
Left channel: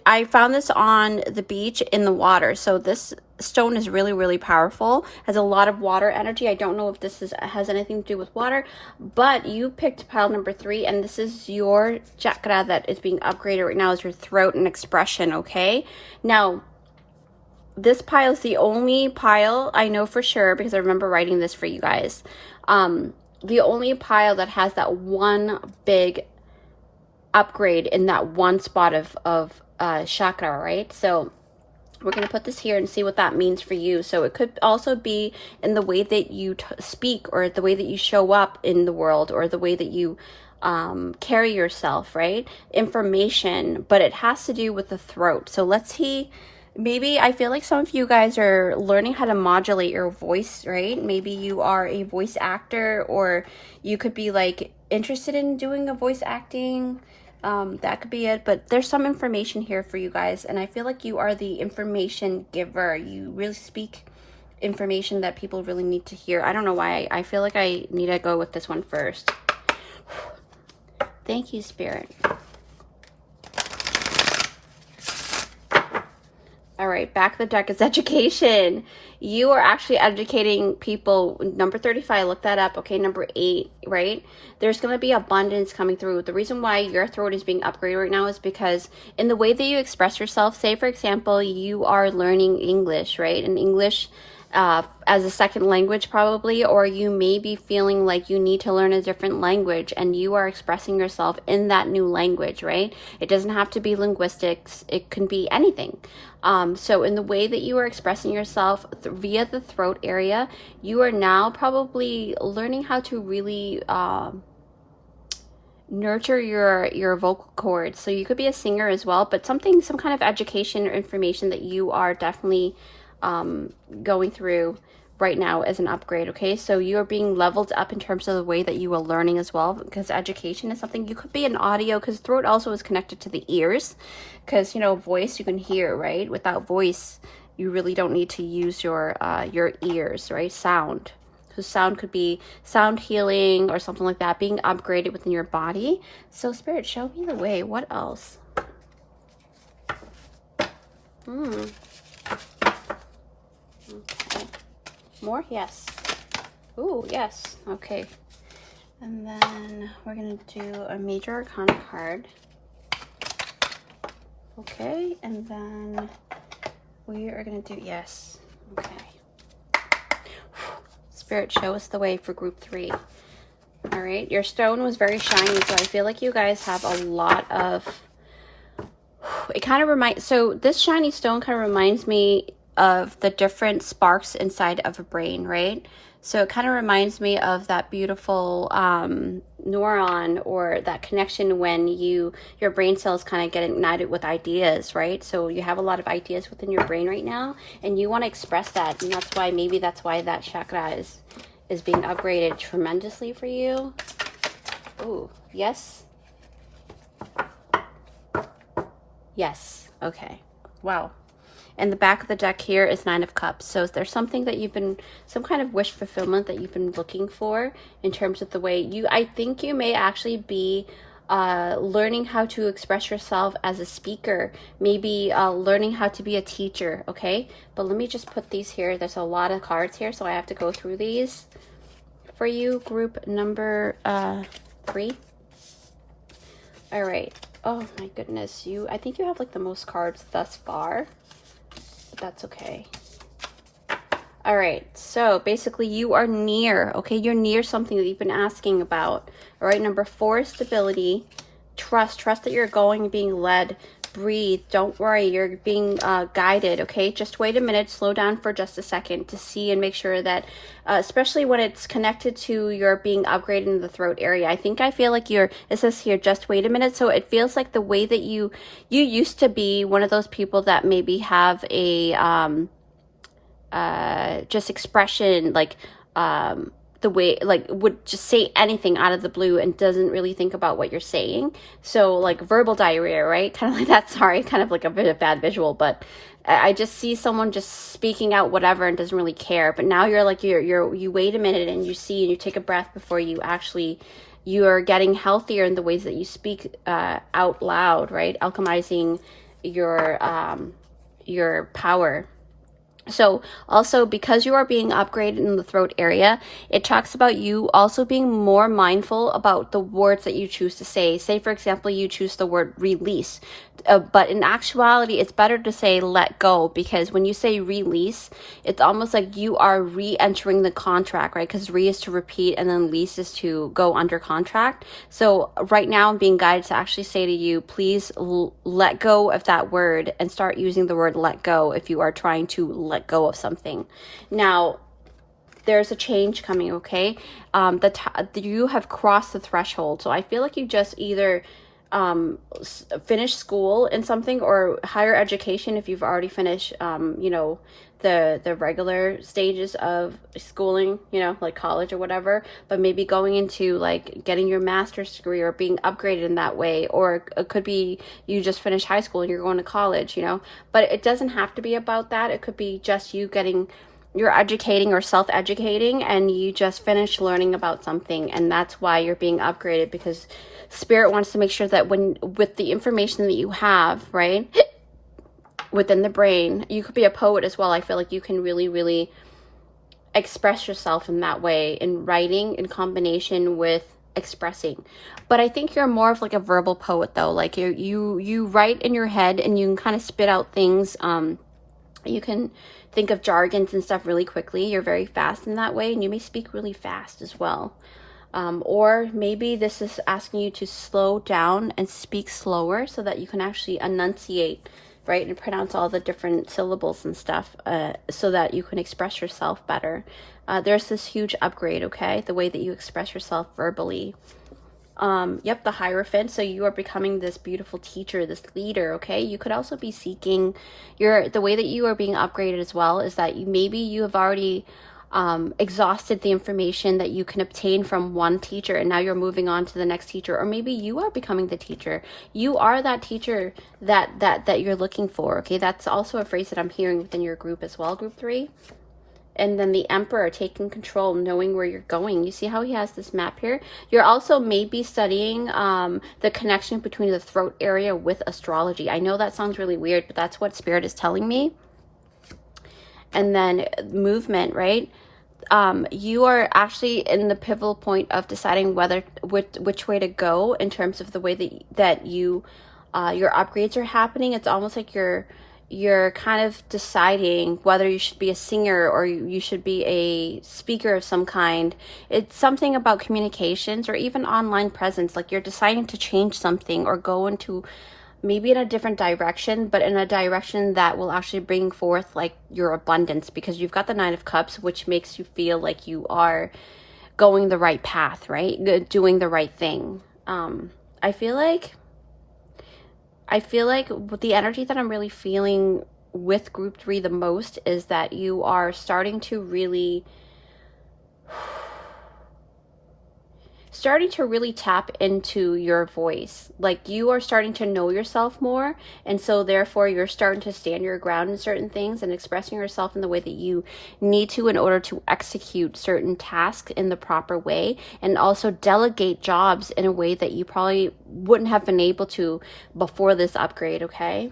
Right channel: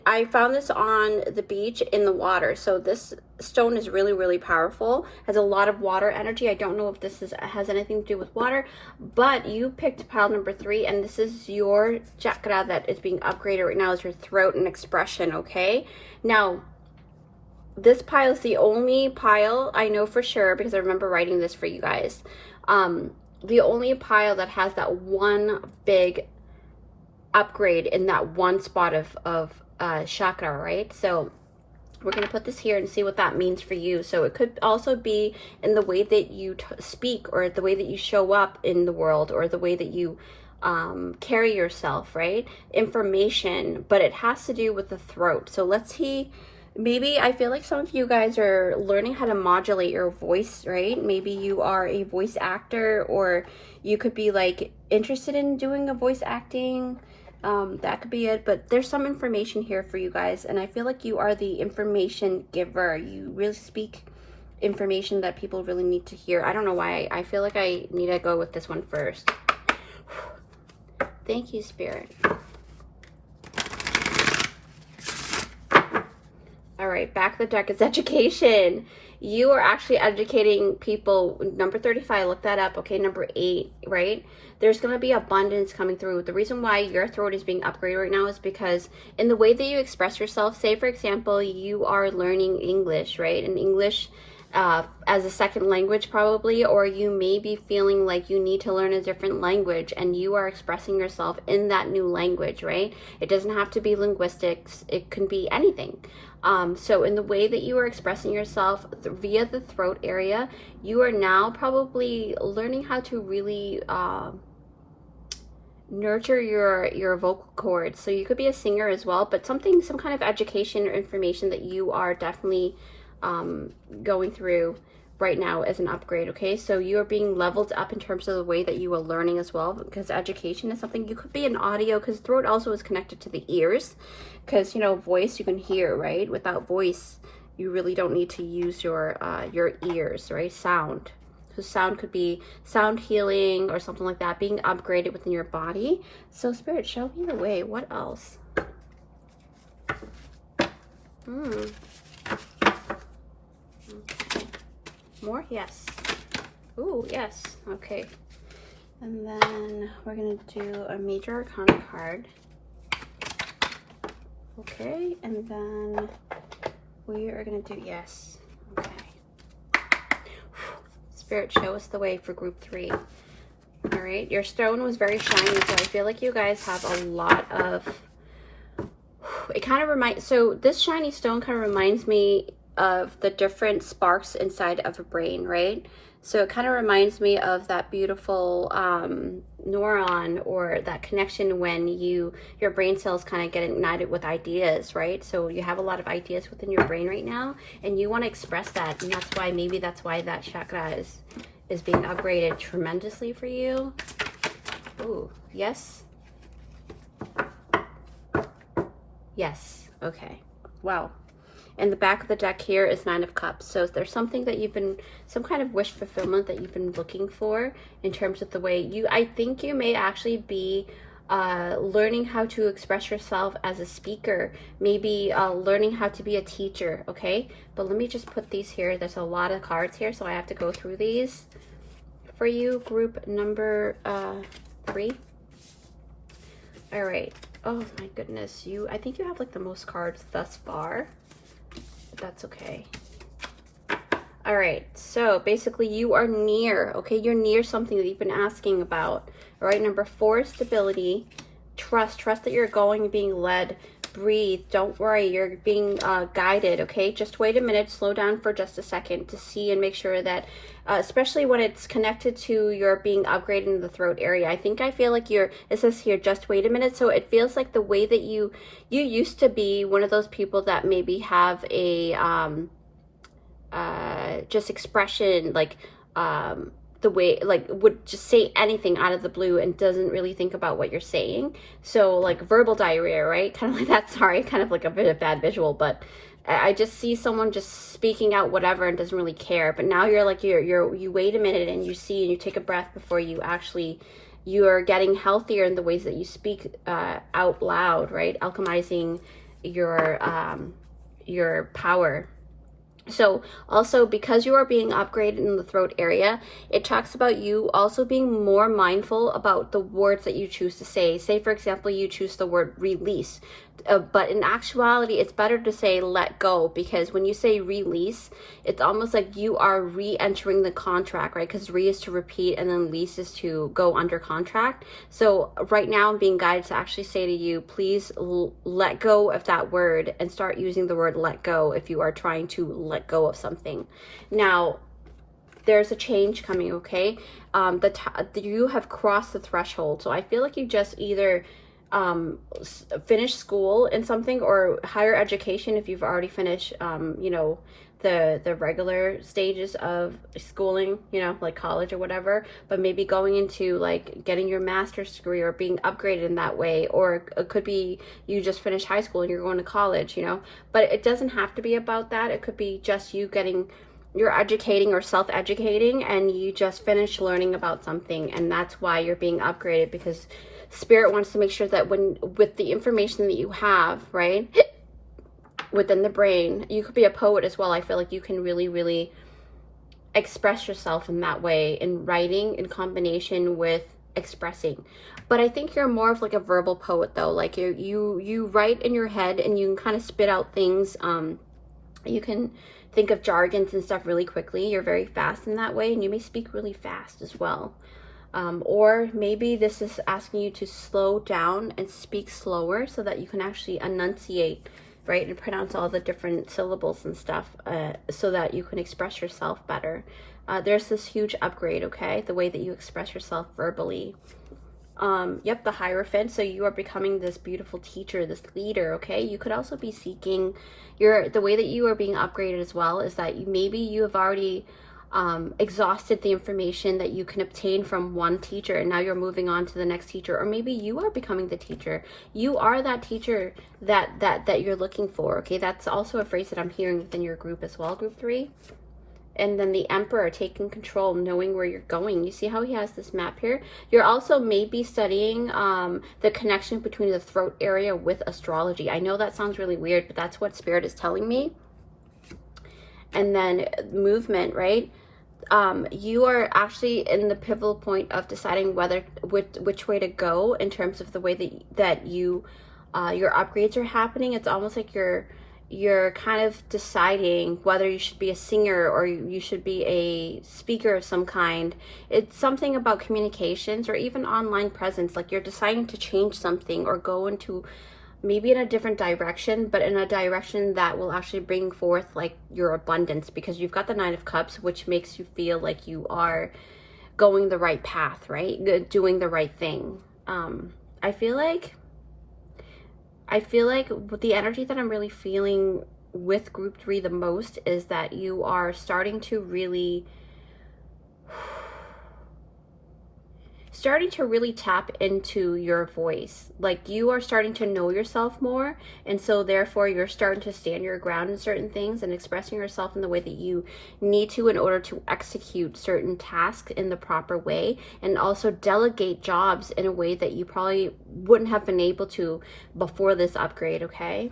I found this on the beach in the water. So this stone is really, really powerful, has a lot of water energy. I don't know if this has anything to do with water, but you picked pile number 3, and this is your chakra that is being upgraded right now, is your throat and expression. Okay, now this pile is the only pile I know for sure, because I remember writing this for you guys, the only pile that has that one big upgrade in that one spot of chakra, right? So we're going to put this here and see what that means for you. So it could also be in the way that you speak, or the way that you show up in the world, or the way that you carry yourself, right? Information, but it has to do with the throat. So let's see. Maybe I feel like some of you guys are learning how to modulate your voice, right? Maybe you are a voice actor, or you could be like interested in doing a voice acting. That could be it, but there's some information here for you guys, and I feel like you are the information giver. You really speak information that people really need to hear. I don't know why. I feel like I need to go with this one first. Thank you, Spirit. All right, back of the deck is education. You are actually educating people. Number 35, look that up. Okay, number 8, right? There's going to be abundance coming through. The reason why your throat is being upgraded right now is because in the way that you express yourself, say for example, you are learning English, right? And English as a second language probably, or you may be feeling like you need to learn a different language, and you are expressing yourself in that new language, right? It doesn't have to be linguistics. It can be anything. So in the way that you are expressing yourself via the throat area, you are now probably learning how to really nurture your vocal cords. So you could be a singer as well, but some kind of education or information that you are definitely going through right now as an upgrade. Okay, so you're being leveled up in terms of the way that you are learning as well, because education is something. You could be an audio, because throat also is connected to the ears, because, you know, voice you can hear, right? Without voice you really don't need to use your ears, right? Sound. So sound could be sound healing or something like that, being upgraded within your body. So Spirit, show me the way. What else? Okay. More? Yes. Ooh, yes. Okay. And then we're going to do a major arcana card. Okay. And then we are going to do, yes. Okay. Spirit, show us the way for group 3. All right. Your stone was very shiny, so I feel like you guys have a lot of, it kind of reminds, so this shiny stone kind of reminds me of the different sparks inside of a brain, right? So it kind of reminds me of that beautiful neuron, or that connection when your brain cells kind of get ignited with ideas, right? So you have a lot of ideas within your brain right now, and you want to express that, and that's why, maybe that's why that chakra is being upgraded tremendously for you. Ooh, yes. Yes. Okay. Wow. And the back of the deck here is 9 of Cups. So there's something that you've been, some kind of wish fulfillment that you've been looking for in terms of the way you, I think you may actually be learning how to express yourself as a speaker, maybe learning how to be a teacher, okay? But let me just put these here. There's a lot of cards here, so I have to go through these for you. Group number 3. All right. Oh my goodness, I think you have like the most cards thus far. That's okay. All right, so basically you are near, okay? You're near something that you've been asking about. All right, number 4, stability. Trust that you're going and being led. Breathe, don't worry, you're being guided, okay? Just wait a minute, slow down for just a second to see and make sure that, especially when it's connected to your being upgraded in the throat area. I feel like it says here, just wait a minute. So it feels like the way that you used to be one of those people that maybe have a, just expression, like, the way, like, would just say anything out of the blue and doesn't really think about what you're saying. So like verbal diarrhea, right? Kind of like that. Sorry, kind of like a bit of bad visual, but I just see someone just speaking out whatever and doesn't really care. But now you're like, you wait a minute and you see and you take a breath before you are getting healthier in the ways that you speak out loud, right? Alchemizing your power. So also, because you are being upgraded in the throat area, it talks about you also being more mindful about the words that you choose to say. Say, for example, you choose the word release, but in actuality, it's better to say let go, because when you say release, it's almost like you are re-entering the contract, right? Because re is to repeat and then lease is to go under contract. So right now I'm being guided to actually say to you, please let go of that word and start using the word let go if you are trying to let go of something. Now, there's a change coming, okay? You have crossed the threshold. So I feel like you just either finish school in something, or higher education if you've already finished, you know, the regular stages of schooling, you know, like college or whatever, but maybe going into like getting your master's degree or being upgraded in that way. Or it could be you just finished high school and you're going to college, you know, but it doesn't have to be about that. It could be just you're educating or self-educating, and you just finished learning about something, and that's why you're being upgraded, because Spirit wants to make sure that with the information that you have, right, within the brain, you could be a poet as well. I feel like you can really, really express yourself in that way, in writing in combination with expressing. But I think you're more of like a verbal poet though. Like you write in your head and you can kind of spit out things. You can think of jargons and stuff really quickly. You're very fast in that way, and you may speak really fast as well. Or maybe this is asking you to slow down and speak slower so that you can actually enunciate, right, and pronounce all the different syllables and stuff, so that you can express yourself better. There's this huge upgrade, okay, the way that you express yourself verbally. Yep, the Hierophant. So you are becoming this beautiful teacher, this leader, okay? You could also be seeking the way that you are being upgraded as well is that maybe you have already exhausted the information that you can obtain from one teacher, and now you're moving on to the next teacher, or maybe you are becoming the teacher. You are that teacher that you're looking for, okay? That's also a phrase that I'm hearing within your group as well, group 3. And then the Emperor, taking control, knowing where you're going. You see how he has this map here? You're also maybe studying the connection between the throat area with astrology. I know that sounds really weird, but that's what Spirit is telling me. And then movement, right? You are actually in the pivotal point of deciding which way to go in terms of the way that you your upgrades are happening. It's almost like you're kind of deciding whether you should be a singer or you should be a speaker of some kind. It's something about communications or even online presence. Like you're deciding to change something or go into maybe in a different direction, but in a direction that will actually bring forth like your abundance, because you've got the 9 of Cups, which makes you feel like you are going the right path, right? Doing the right thing. I feel like the energy that I'm really feeling with group 3 the most is that you are starting to really tap into your voice. Like you are starting to know yourself more, and so therefore you're starting to stand your ground in certain things and expressing yourself in the way that you need to in order to execute certain tasks in the proper way, and also delegate jobs in a way that you probably wouldn't have been able to before this upgrade, okay?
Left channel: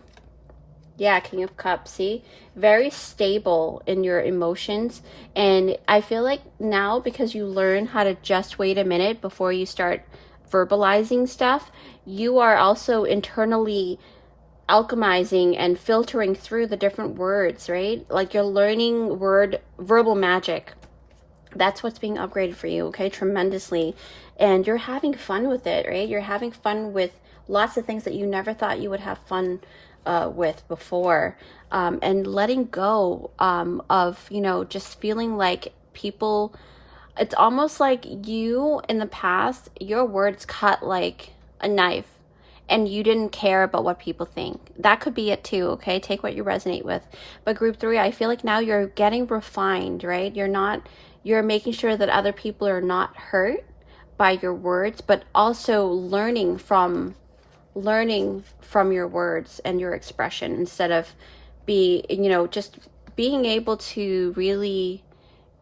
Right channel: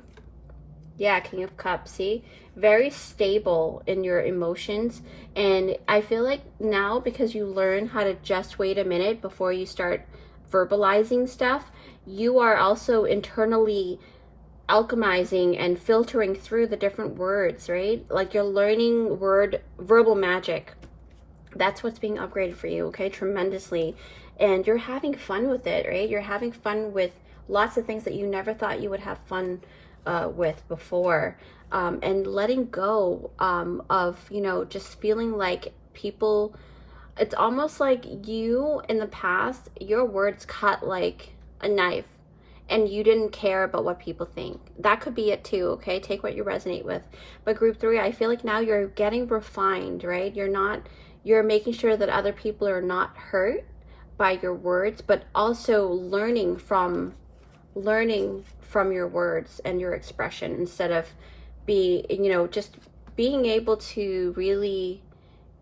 Yeah, King of Cups, see? Very stable in your emotions. And I feel like now, because you learn how to just wait a minute before you start verbalizing stuff, you are also internally alchemizing and filtering through the different words, right? Like you're learning verbal magic. That's what's being upgraded for you, okay? Tremendously. And you're having fun with it, right? You're having fun with lots of things that you never thought you would have fun with before, and letting go of, just feeling like people, it's almost like you in the past, your words cut like a knife and you didn't care about what people think. That could be it too, okay? Take what you resonate with. But group 3, I feel like now you're getting refined, right? You're making sure that other people are not hurt by your words, but also learning from your words and your expression, instead of just being able to really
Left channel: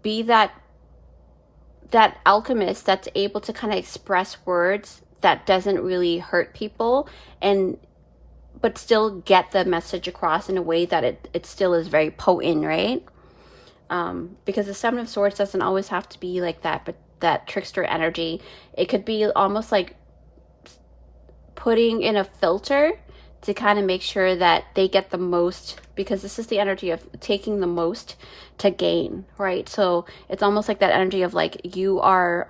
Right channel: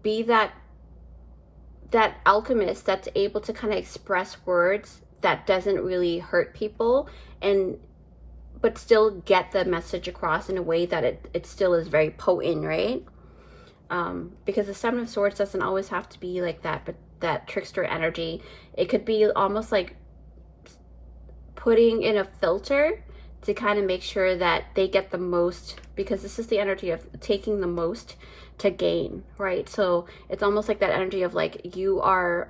be that alchemist that's able to kind of express words that doesn't really hurt people, but still get the message across in a way that it still is very potent, right? Because the 7 of Swords doesn't always have to be like that, but that trickster energy, it could be almost like putting in a filter to kind of make sure that they get the most, because this is the energy of taking the most to gain, right? So it's almost like that energy of like you are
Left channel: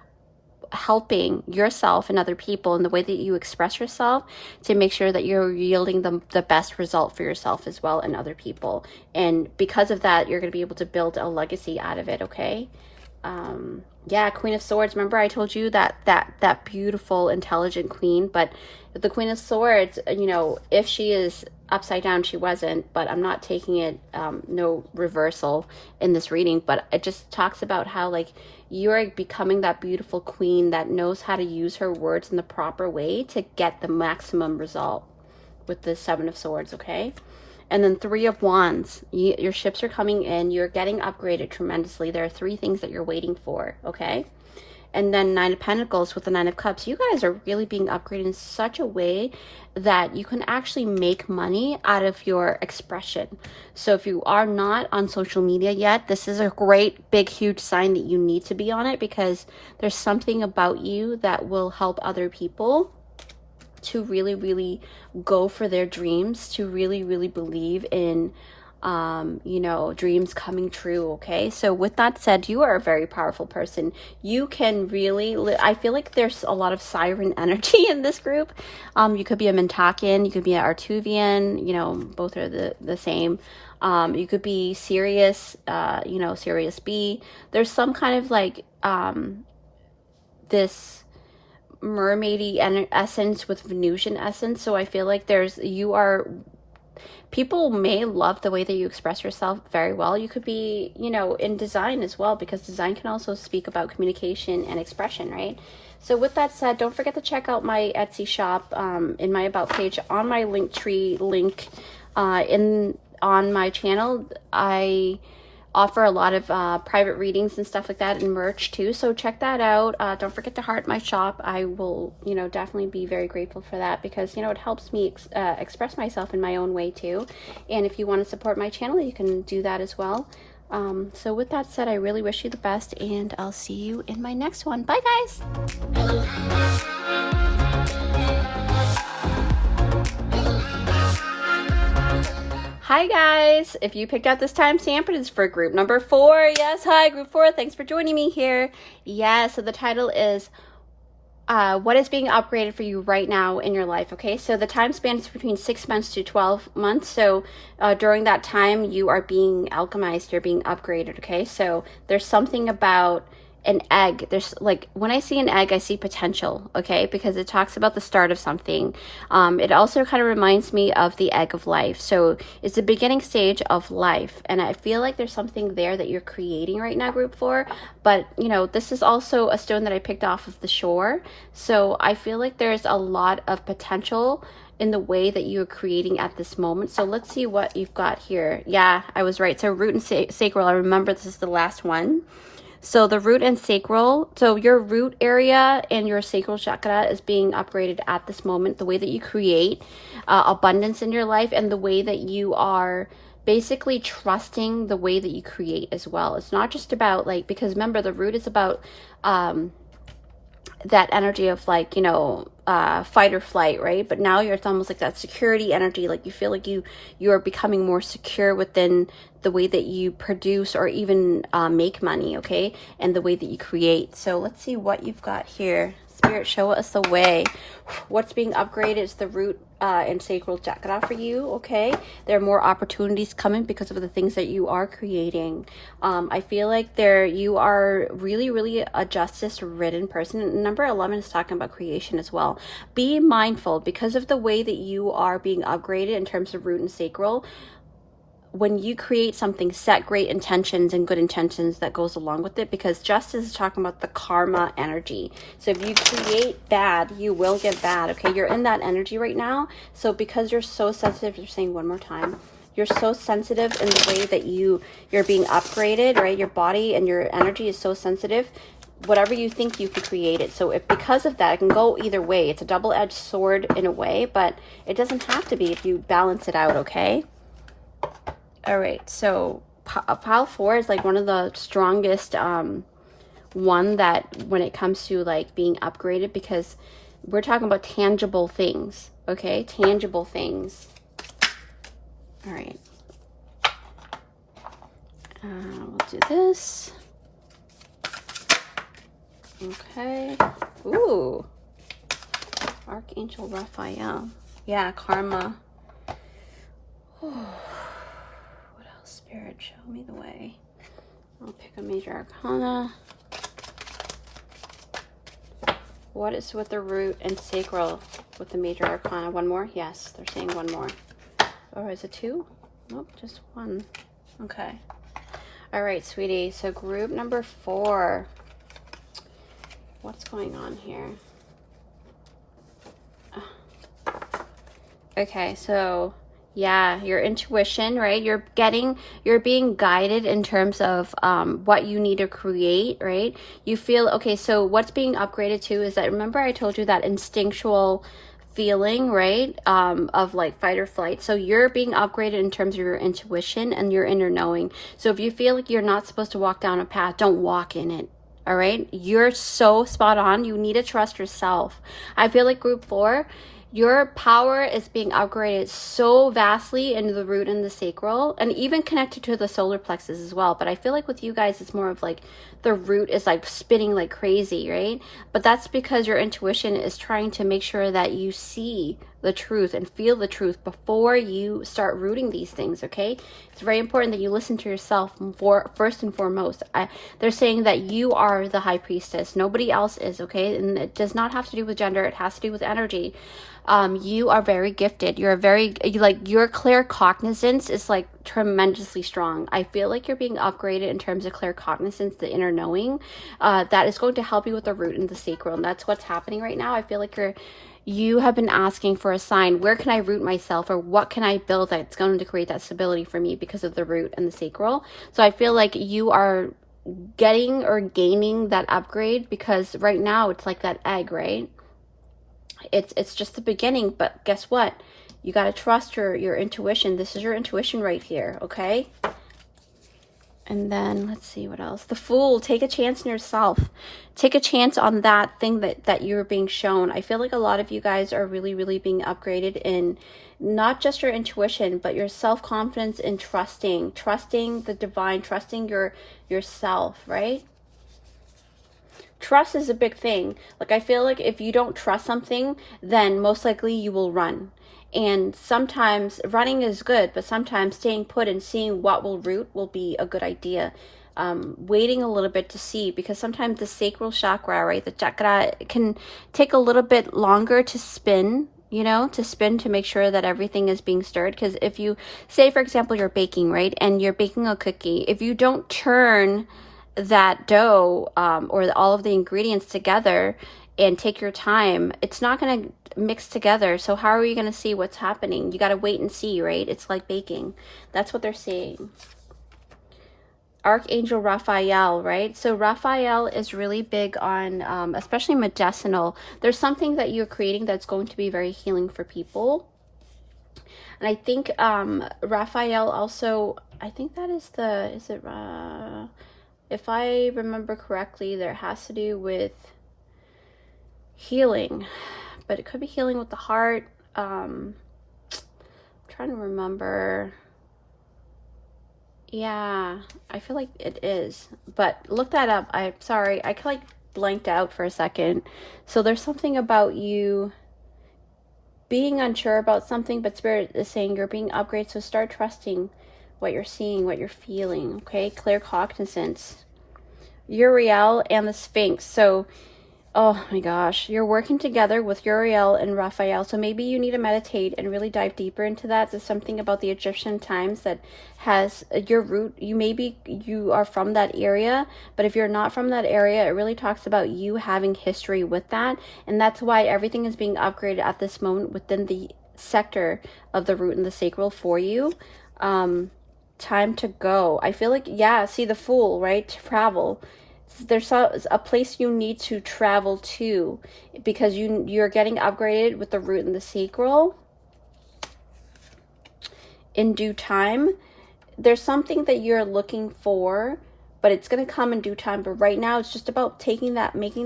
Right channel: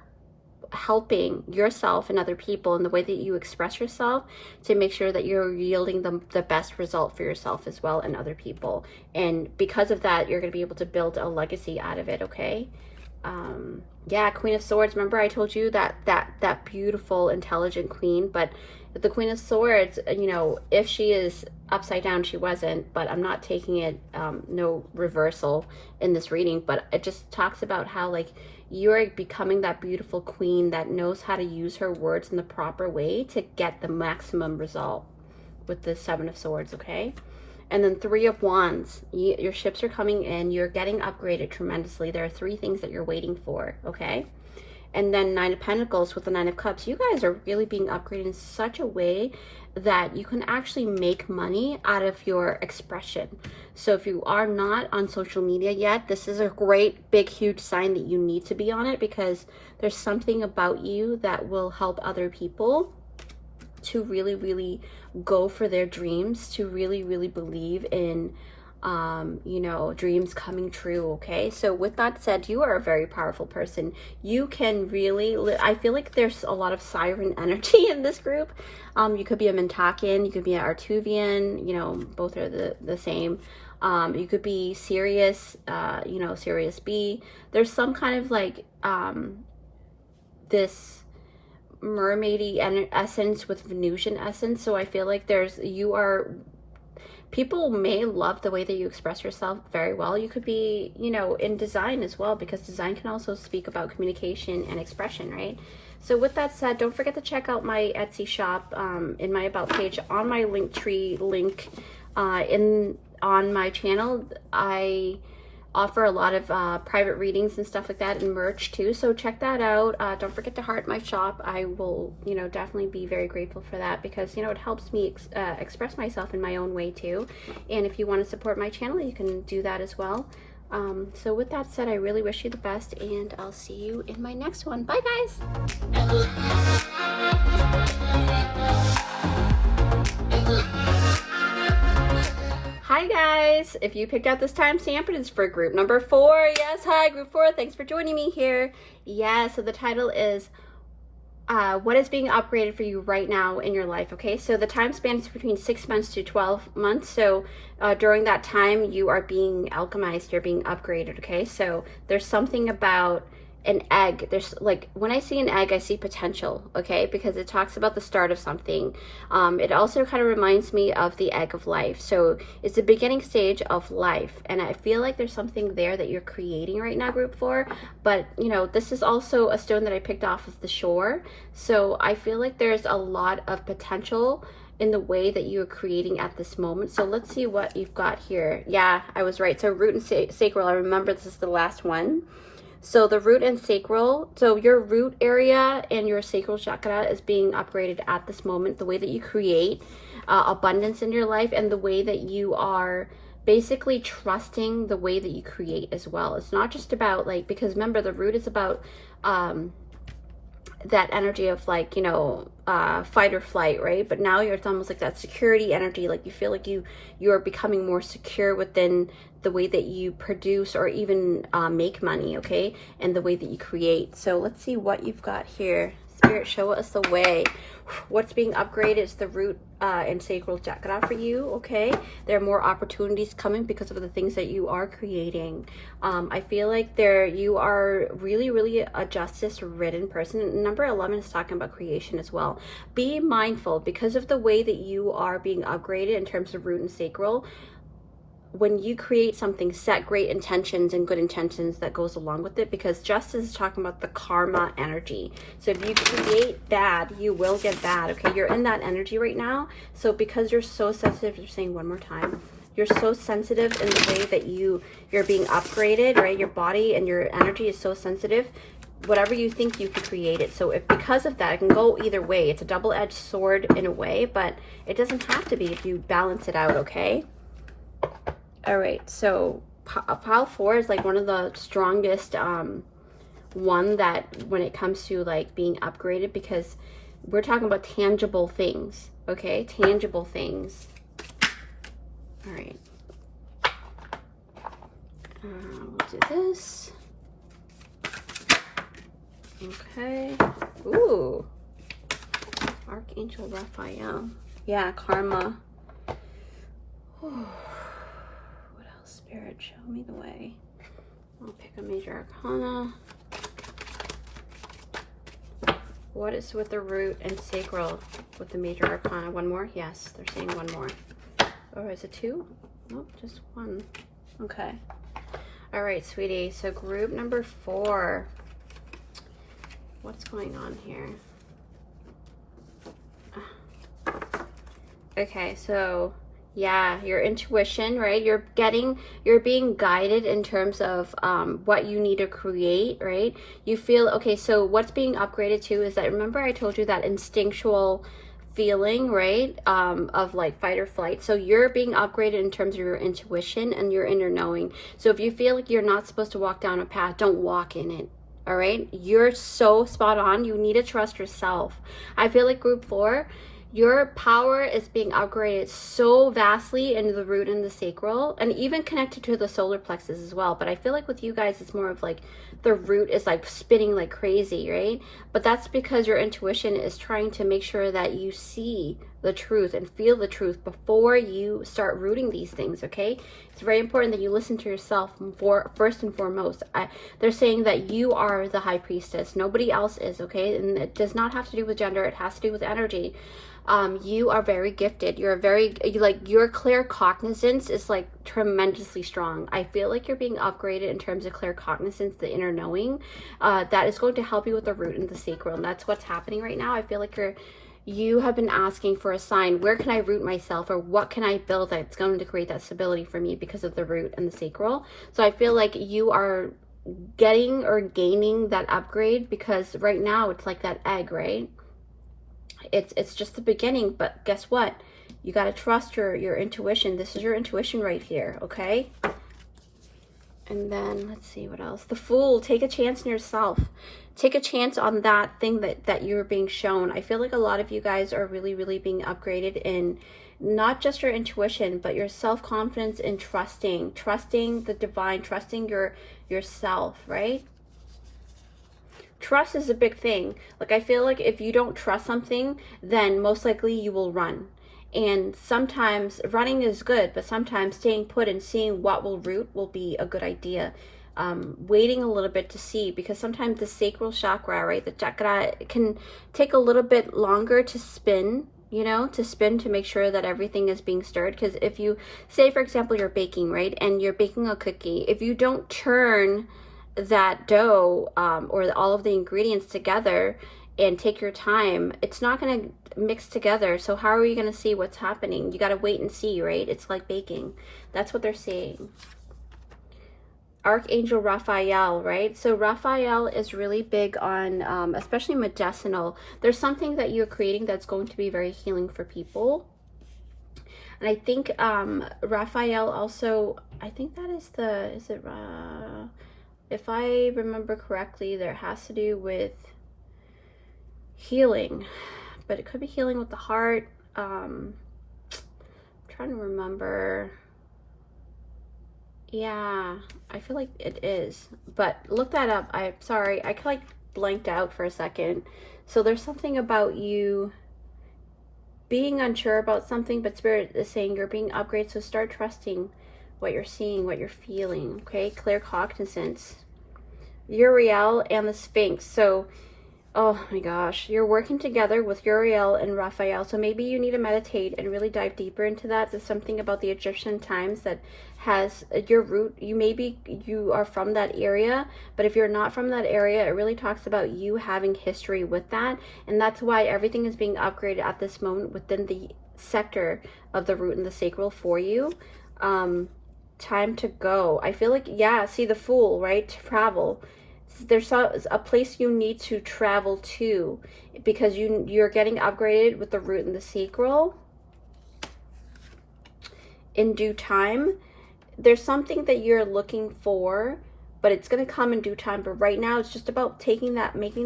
helping yourself and other people in the way that you express yourself to make sure that you're yielding the best result for yourself as well and other people. And because of that, you're going to be able to build a legacy out of it, okay? Yeah, Queen of Swords. Remember I told you that beautiful, intelligent queen, but the Queen of Swords, if she is upside down, she wasn't, but I'm not taking it, no reversal in this reading, but it just talks about how like you're becoming that beautiful queen that knows how to use her words in the proper way to get the maximum result with the 7 of Swords, okay? And then 3 of Wands, your ships are coming in, you're getting upgraded tremendously. There are 3 things that you're waiting for, okay? And then 9 of Pentacles with the 9 of Cups. You guys are really being upgraded in such a way that you can actually make money out of your expression. So if you are not on social media yet, this is a great, big, huge sign that you need to be on it, because there's something about you that will help other people to really, really go for their dreams, to really, really believe in dreams coming true, okay? So with that said, you are a very powerful person. You can really, I feel like there's a lot of siren energy in this group. You could be a Mentakian, you could be an Artuvian, both are the same. You could be Sirius, Sirius B. There's some kind of like this mermaidy essence with Venusian essence. So I feel like people may love the way that you express yourself very well. You could be, you know, in design as well, because design can also speak about communication and expression, right? So with that said, don't forget to check out my Etsy shop in my About page on my Linktree link on my channel. I offer a lot of private readings and stuff like that, and merch too, so check that out. Don't forget to heart my shop. I will, you know, definitely be very grateful for that, because, you know, it helps me express myself in my own way too. And if you want to support my channel, you can do that as well. So with that said, I really wish you the best, and I'll see you in my next one. Bye guys. Hi guys, if you picked out this timestamp, it is for group number 4. Yes, hi group 4, thanks for joining me here. Yeah, so the title is what is being upgraded for you right now in your life. Okay, so the time span is between 6 months to 12 months. So during that time, you are being alchemized, you're being upgraded. Okay, so there's something about an egg. There's, like, when I see an egg, I see potential, okay, because it talks about the start of something. It also kind of reminds me of the egg of life. So it's the beginning stage of life, and I feel like there's something there that you're creating right now, group 4. But, you know, this is also a stone that I picked off of the shore, so I feel like there's a lot of potential in the way that you're creating at this moment. So let's see what you've got here. Yeah, I was right. So root and sacral, I remember this is the last one. So the root and sacral, so your root area and your sacral chakra is being upgraded at this moment. The way that you create abundance in your life, and the way that you are basically trusting the way that you create as well. It's not just about, like, because remember, the root is about that energy of, like, you know, fight or flight, right? But now it's almost like that security energy. Like, you feel like you're becoming more secure within the way that you produce or even make money, okay? And the way that you create. So let's see what you've got here. Spirit, show us the way. What's being upgraded is the root and sacral chakra for you, okay? There are more opportunities coming because of the things that you are creating. I feel like you are really a justice-ridden person. And number 11 is talking about creation as well. Be mindful, because of the way that you are being upgraded in terms of root and sacral. When you create something, set great intentions and good intentions that goes along with it, because justice is talking about the karma energy. So if you create bad, you will get bad, okay? You're in that energy right now. So because you're so sensitive, you're saying one more time, you're so sensitive in the way that you're being upgraded, right? Your body and your energy is so sensitive. Whatever you think, you can create it. So if because of that, it can go either way. It's a double-edged sword in a way, but it doesn't have to be if you balance it out, okay? All right, so pile 4 is like one of the strongest one that when it comes to, like, being upgraded, because we're talking about tangible things, okay? Tangible things. All right. We'll do this. Okay. Ooh. Archangel Raphael. Yeah, karma. Spirit, show me the way. I'll pick a major arcana. What is with the root and sacral with the major arcana? One more? Yes, they're saying one more. Oh, is it 2? Nope, just 1. Okay. All right, sweetie. So group number 4. What's going on here? Okay, so yeah, your intuition, right? You're being guided in terms of what you need to create, right? You feel, okay, so what's being upgraded to is that, remember I told you that instinctual feeling, right? Of like fight or flight. So you're being upgraded in terms of your intuition and your inner knowing. So if you feel like you're not supposed to walk down a path, don't walk in it. All right? You're so spot on. You need to trust yourself. I feel like group 4, your power is being upgraded so vastly into the root and the sacral, and even connected to the solar plexus as well. But I feel like with you guys, it's more of like the root is like spinning like crazy, right? But that's because your intuition is trying to make sure that you see the truth and feel the truth before you start rooting these things, okay? It's very important that you listen to yourself first and foremost. They're saying that you are the high priestess. Nobody else is, okay? And it does not have to do with gender. It has to do with energy. You are very gifted. You're very, like, your claircognizance is like tremendously strong. I feel like you're being upgraded in terms of claircognizance, the inner knowing. That is going to help you with the root and the sacral, and that's what's happening right now. I feel like you have been asking for a sign. Where can I root myself, or what can I build that's going to create that stability for me because of the root and the sacral? So I feel like you are getting or gaining that upgrade, because right now it's like that egg, right? It's just the beginning, but guess what? You got to trust your intuition. This is your intuition right here, okay? And then let's see what else. The Fool. Take a chance in yourself. Take a chance on that thing that you're being shown. I feel like a lot of you guys are really, really being upgraded in not just your intuition, but your self-confidence in trusting the divine, trusting yourself, right? Trust is a big thing. Like, I feel like if you don't trust something, then most likely you will run. And sometimes running is good, but sometimes staying put and seeing what will root will be a good idea. Waiting a little bit to see, because sometimes the sacral chakra, right, the chakra, can take a little bit longer to spin, you know, to make sure that everything is being stirred. Because if you, say for example, you're baking, right, and you're baking a cookie, if you don't churn that dough or all of the ingredients together and take your time, it's not going to mix together. So how are you going to see what's happening? You got to wait and see, right? It's like baking. That's what they're saying. Archangel Raphael, right? So Raphael is really big on especially medicinal. There's something that you're creating that's going to be very healing for people. And I think Raphael also, I think that is the, is it if I remember correctly, there has to do with healing, but it could be healing with the heart. I'm trying to remember. Yeah, I feel like it is, but look that up. I'm sorry, I kind of like blanked out for a second. So there's something about you being unsure about something, but Spirit is saying you're being upgraded, so start trusting what you're seeing, what you're feeling, okay? Claircognizance. Uriel and the Sphinx. So, oh my gosh, you're working together with Uriel and Raphael. So maybe you need to meditate and really dive deeper into that. There's something about the Egyptian times that has your root. You are from that area, but if you're not from that area, it really talks about you having history with that. And that's why everything is being upgraded at this moment within the sector of the root and the sacral for you. Time to go. I feel like, yeah, see the Fool, right? Travel. There's a place you need to travel to, because you're getting upgraded with the root and the sacral in due time. There's something that you're looking for, but it's going to come in due time. But right now it's just about making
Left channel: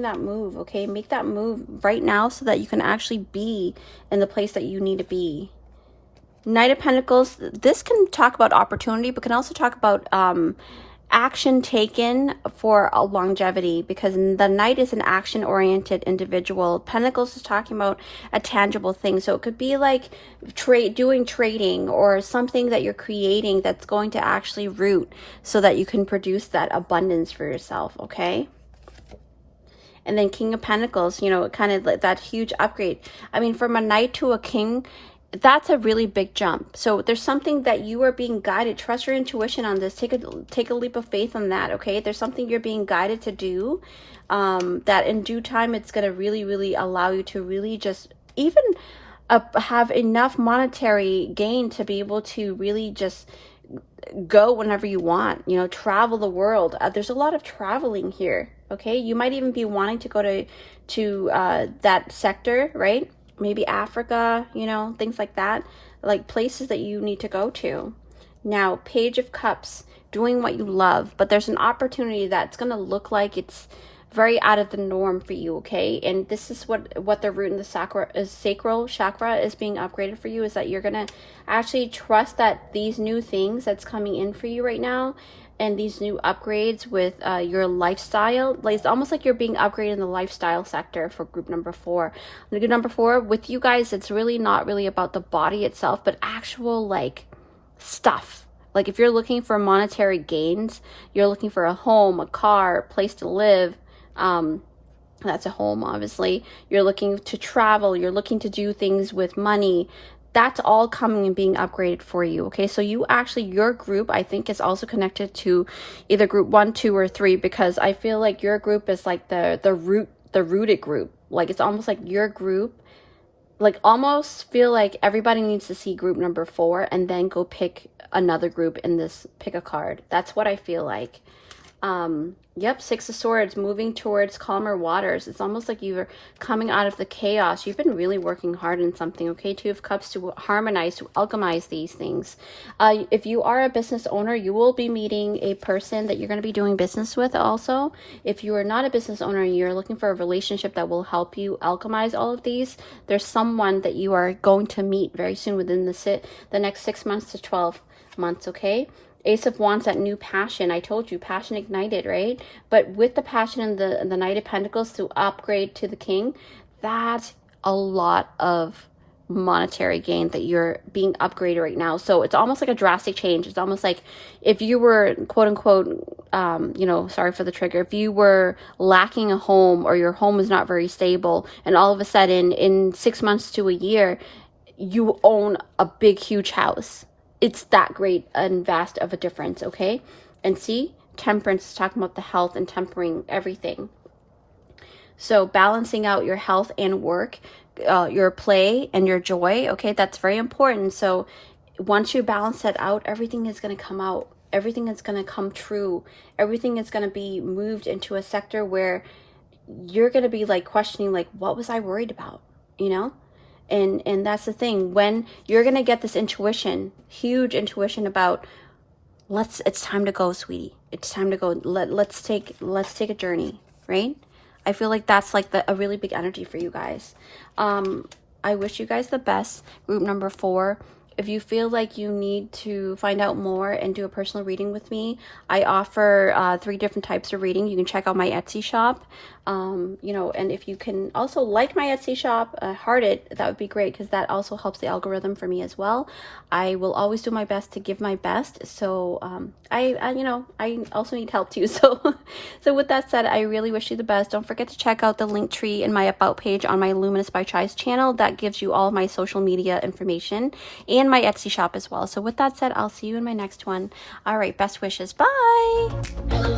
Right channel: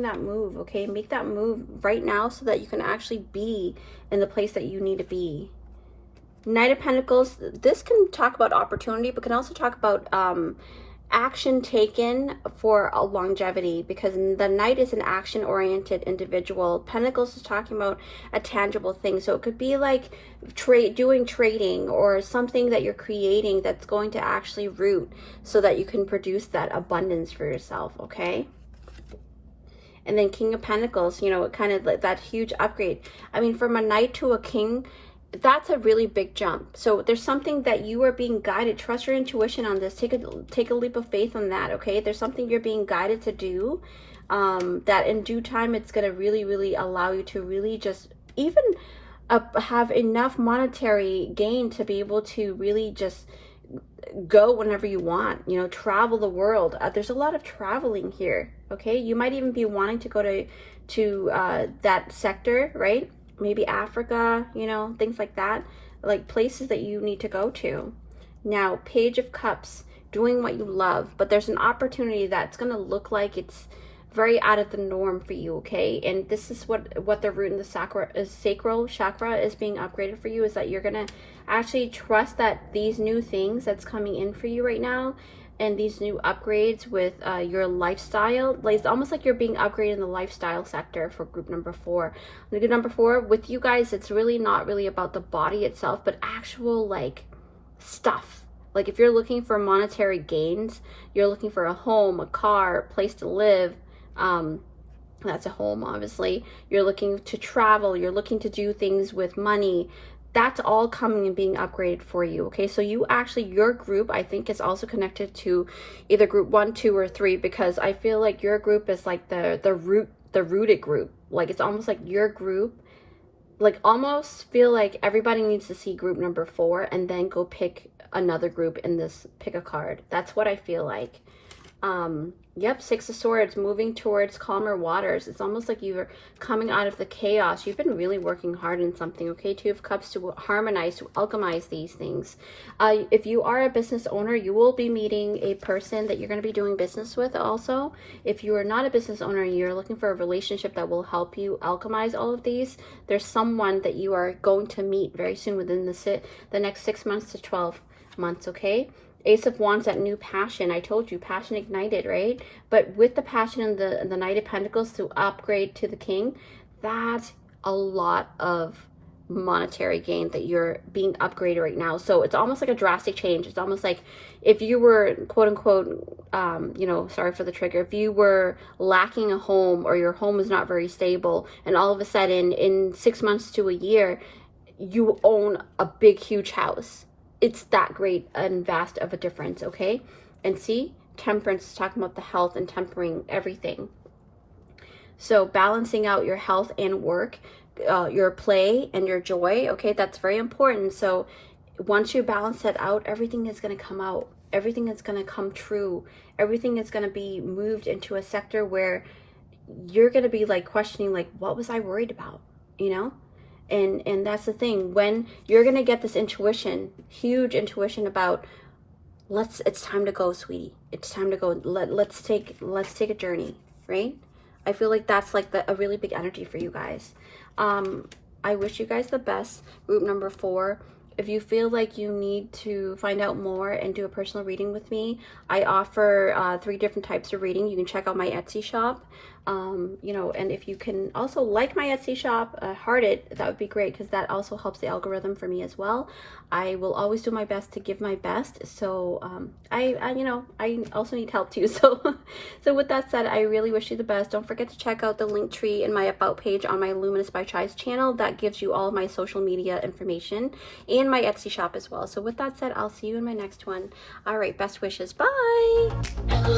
that move, okay? Make that move right now so that you can actually be in the place that you need to be. Knight of Pentacles, this can talk about opportunity, but can also talk about action taken for a longevity, because the Knight is an action-oriented individual. Pentacles is talking about a tangible thing, so it could be like doing trading or something that you're creating that's going to actually root so that you can produce that abundance for yourself, okay? And then King of Pentacles, you know, kind of like that huge upgrade. I mean, from a Knight to a King, that's a really big jump. So there's something that you are being guided. Trust your intuition on this. Take a leap of faith on that, okay? There's something you're being guided to do that in due time it's going to really, really allow you to really just even have enough monetary gain to be able to really just go whenever you want, you know, travel the world. There's a lot of traveling here, okay? You might even be wanting to go to that sector, right? Maybe Africa, you know, things like that, like places that you need to go to. Now, Page of Cups, doing what you love, but there's an opportunity that's going to look like it's very out of the norm for you, okay? And this is what the root and the sacral chakra is being upgraded for you, is that you're going to actually trust that these new things that's coming in for you right now, and these new upgrades with your lifestyle. Like, it's almost like you're being upgraded in the lifestyle sector for group number 4. And group number 4, with you guys, it's really not really about the body itself, but actual like stuff. Like if you're looking for monetary gains, you're looking for a home, a car, a place to live, that's a home, obviously. You're looking to travel, you're looking to do things with money. That's all coming and being upgraded for you. Okay, so you actually, your group, I think, is also connected to either group 1, 2, or 3, because I feel like your group is like the rooted group. Like it's almost like your group, like almost feel like everybody needs to see group number 4 and then go pick another group in this, pick a card. That's what I feel like. Yep, 6 of Swords, moving towards calmer waters. It's almost like you're coming out of the chaos. You've been really working hard on something, okay? 2 of Cups, to harmonize, to alchemize these things. If you are a business owner, you will be meeting a person that you're going to be doing business with also. If you are not a business owner and you're looking for a relationship that will help you alchemize all of these, there's someone that you are going to meet very soon within the next 6 months to 12 months, okay? Ace of Wands, that new passion. I told you, passion ignited, right? But with the passion and the Knight of Pentacles to upgrade to the King, that's a lot of monetary gain that you're being upgraded right now. So it's almost like a drastic change. It's almost like if you were, quote unquote, you know, sorry for the trigger, if you were lacking a home or your home is not very stable, and all of a sudden in 6 months to a year, you own a big, huge house. It's that great and vast of a difference, okay? And see, Temperance is talking about the health and tempering everything. So balancing out your health and work, your play and your joy, okay? That's very important. So once you balance that out, everything is going to come out. Everything is going to come true. Everything is going to be moved into a sector where you're going to be like questioning, like, what was I worried about, you know? And that's the thing, when you're gonna get this intuition, huge intuition about, it's time to go, sweetie. It's time to go. Let's take a journey, right? I feel like that's like a really big energy for you guys. I wish you guys the best. Group number 4. If you feel like you need to find out more and do a personal reading with me, I offer 3 different types of reading. You can check out my Etsy shop. You know, and if you can also like my Etsy shop, heart it, that would be great, because that also helps the algorithm for me as well. I will always do my best to give my best. So you know, I also need help too. So with that said, I really wish you the best. Don't forget to check out the link tree in my about page on my Luminous by Chai's channel. That gives you all of my social media information and my Etsy shop as well. So with that said, I'll see you in my next one. All right, best wishes. Bye.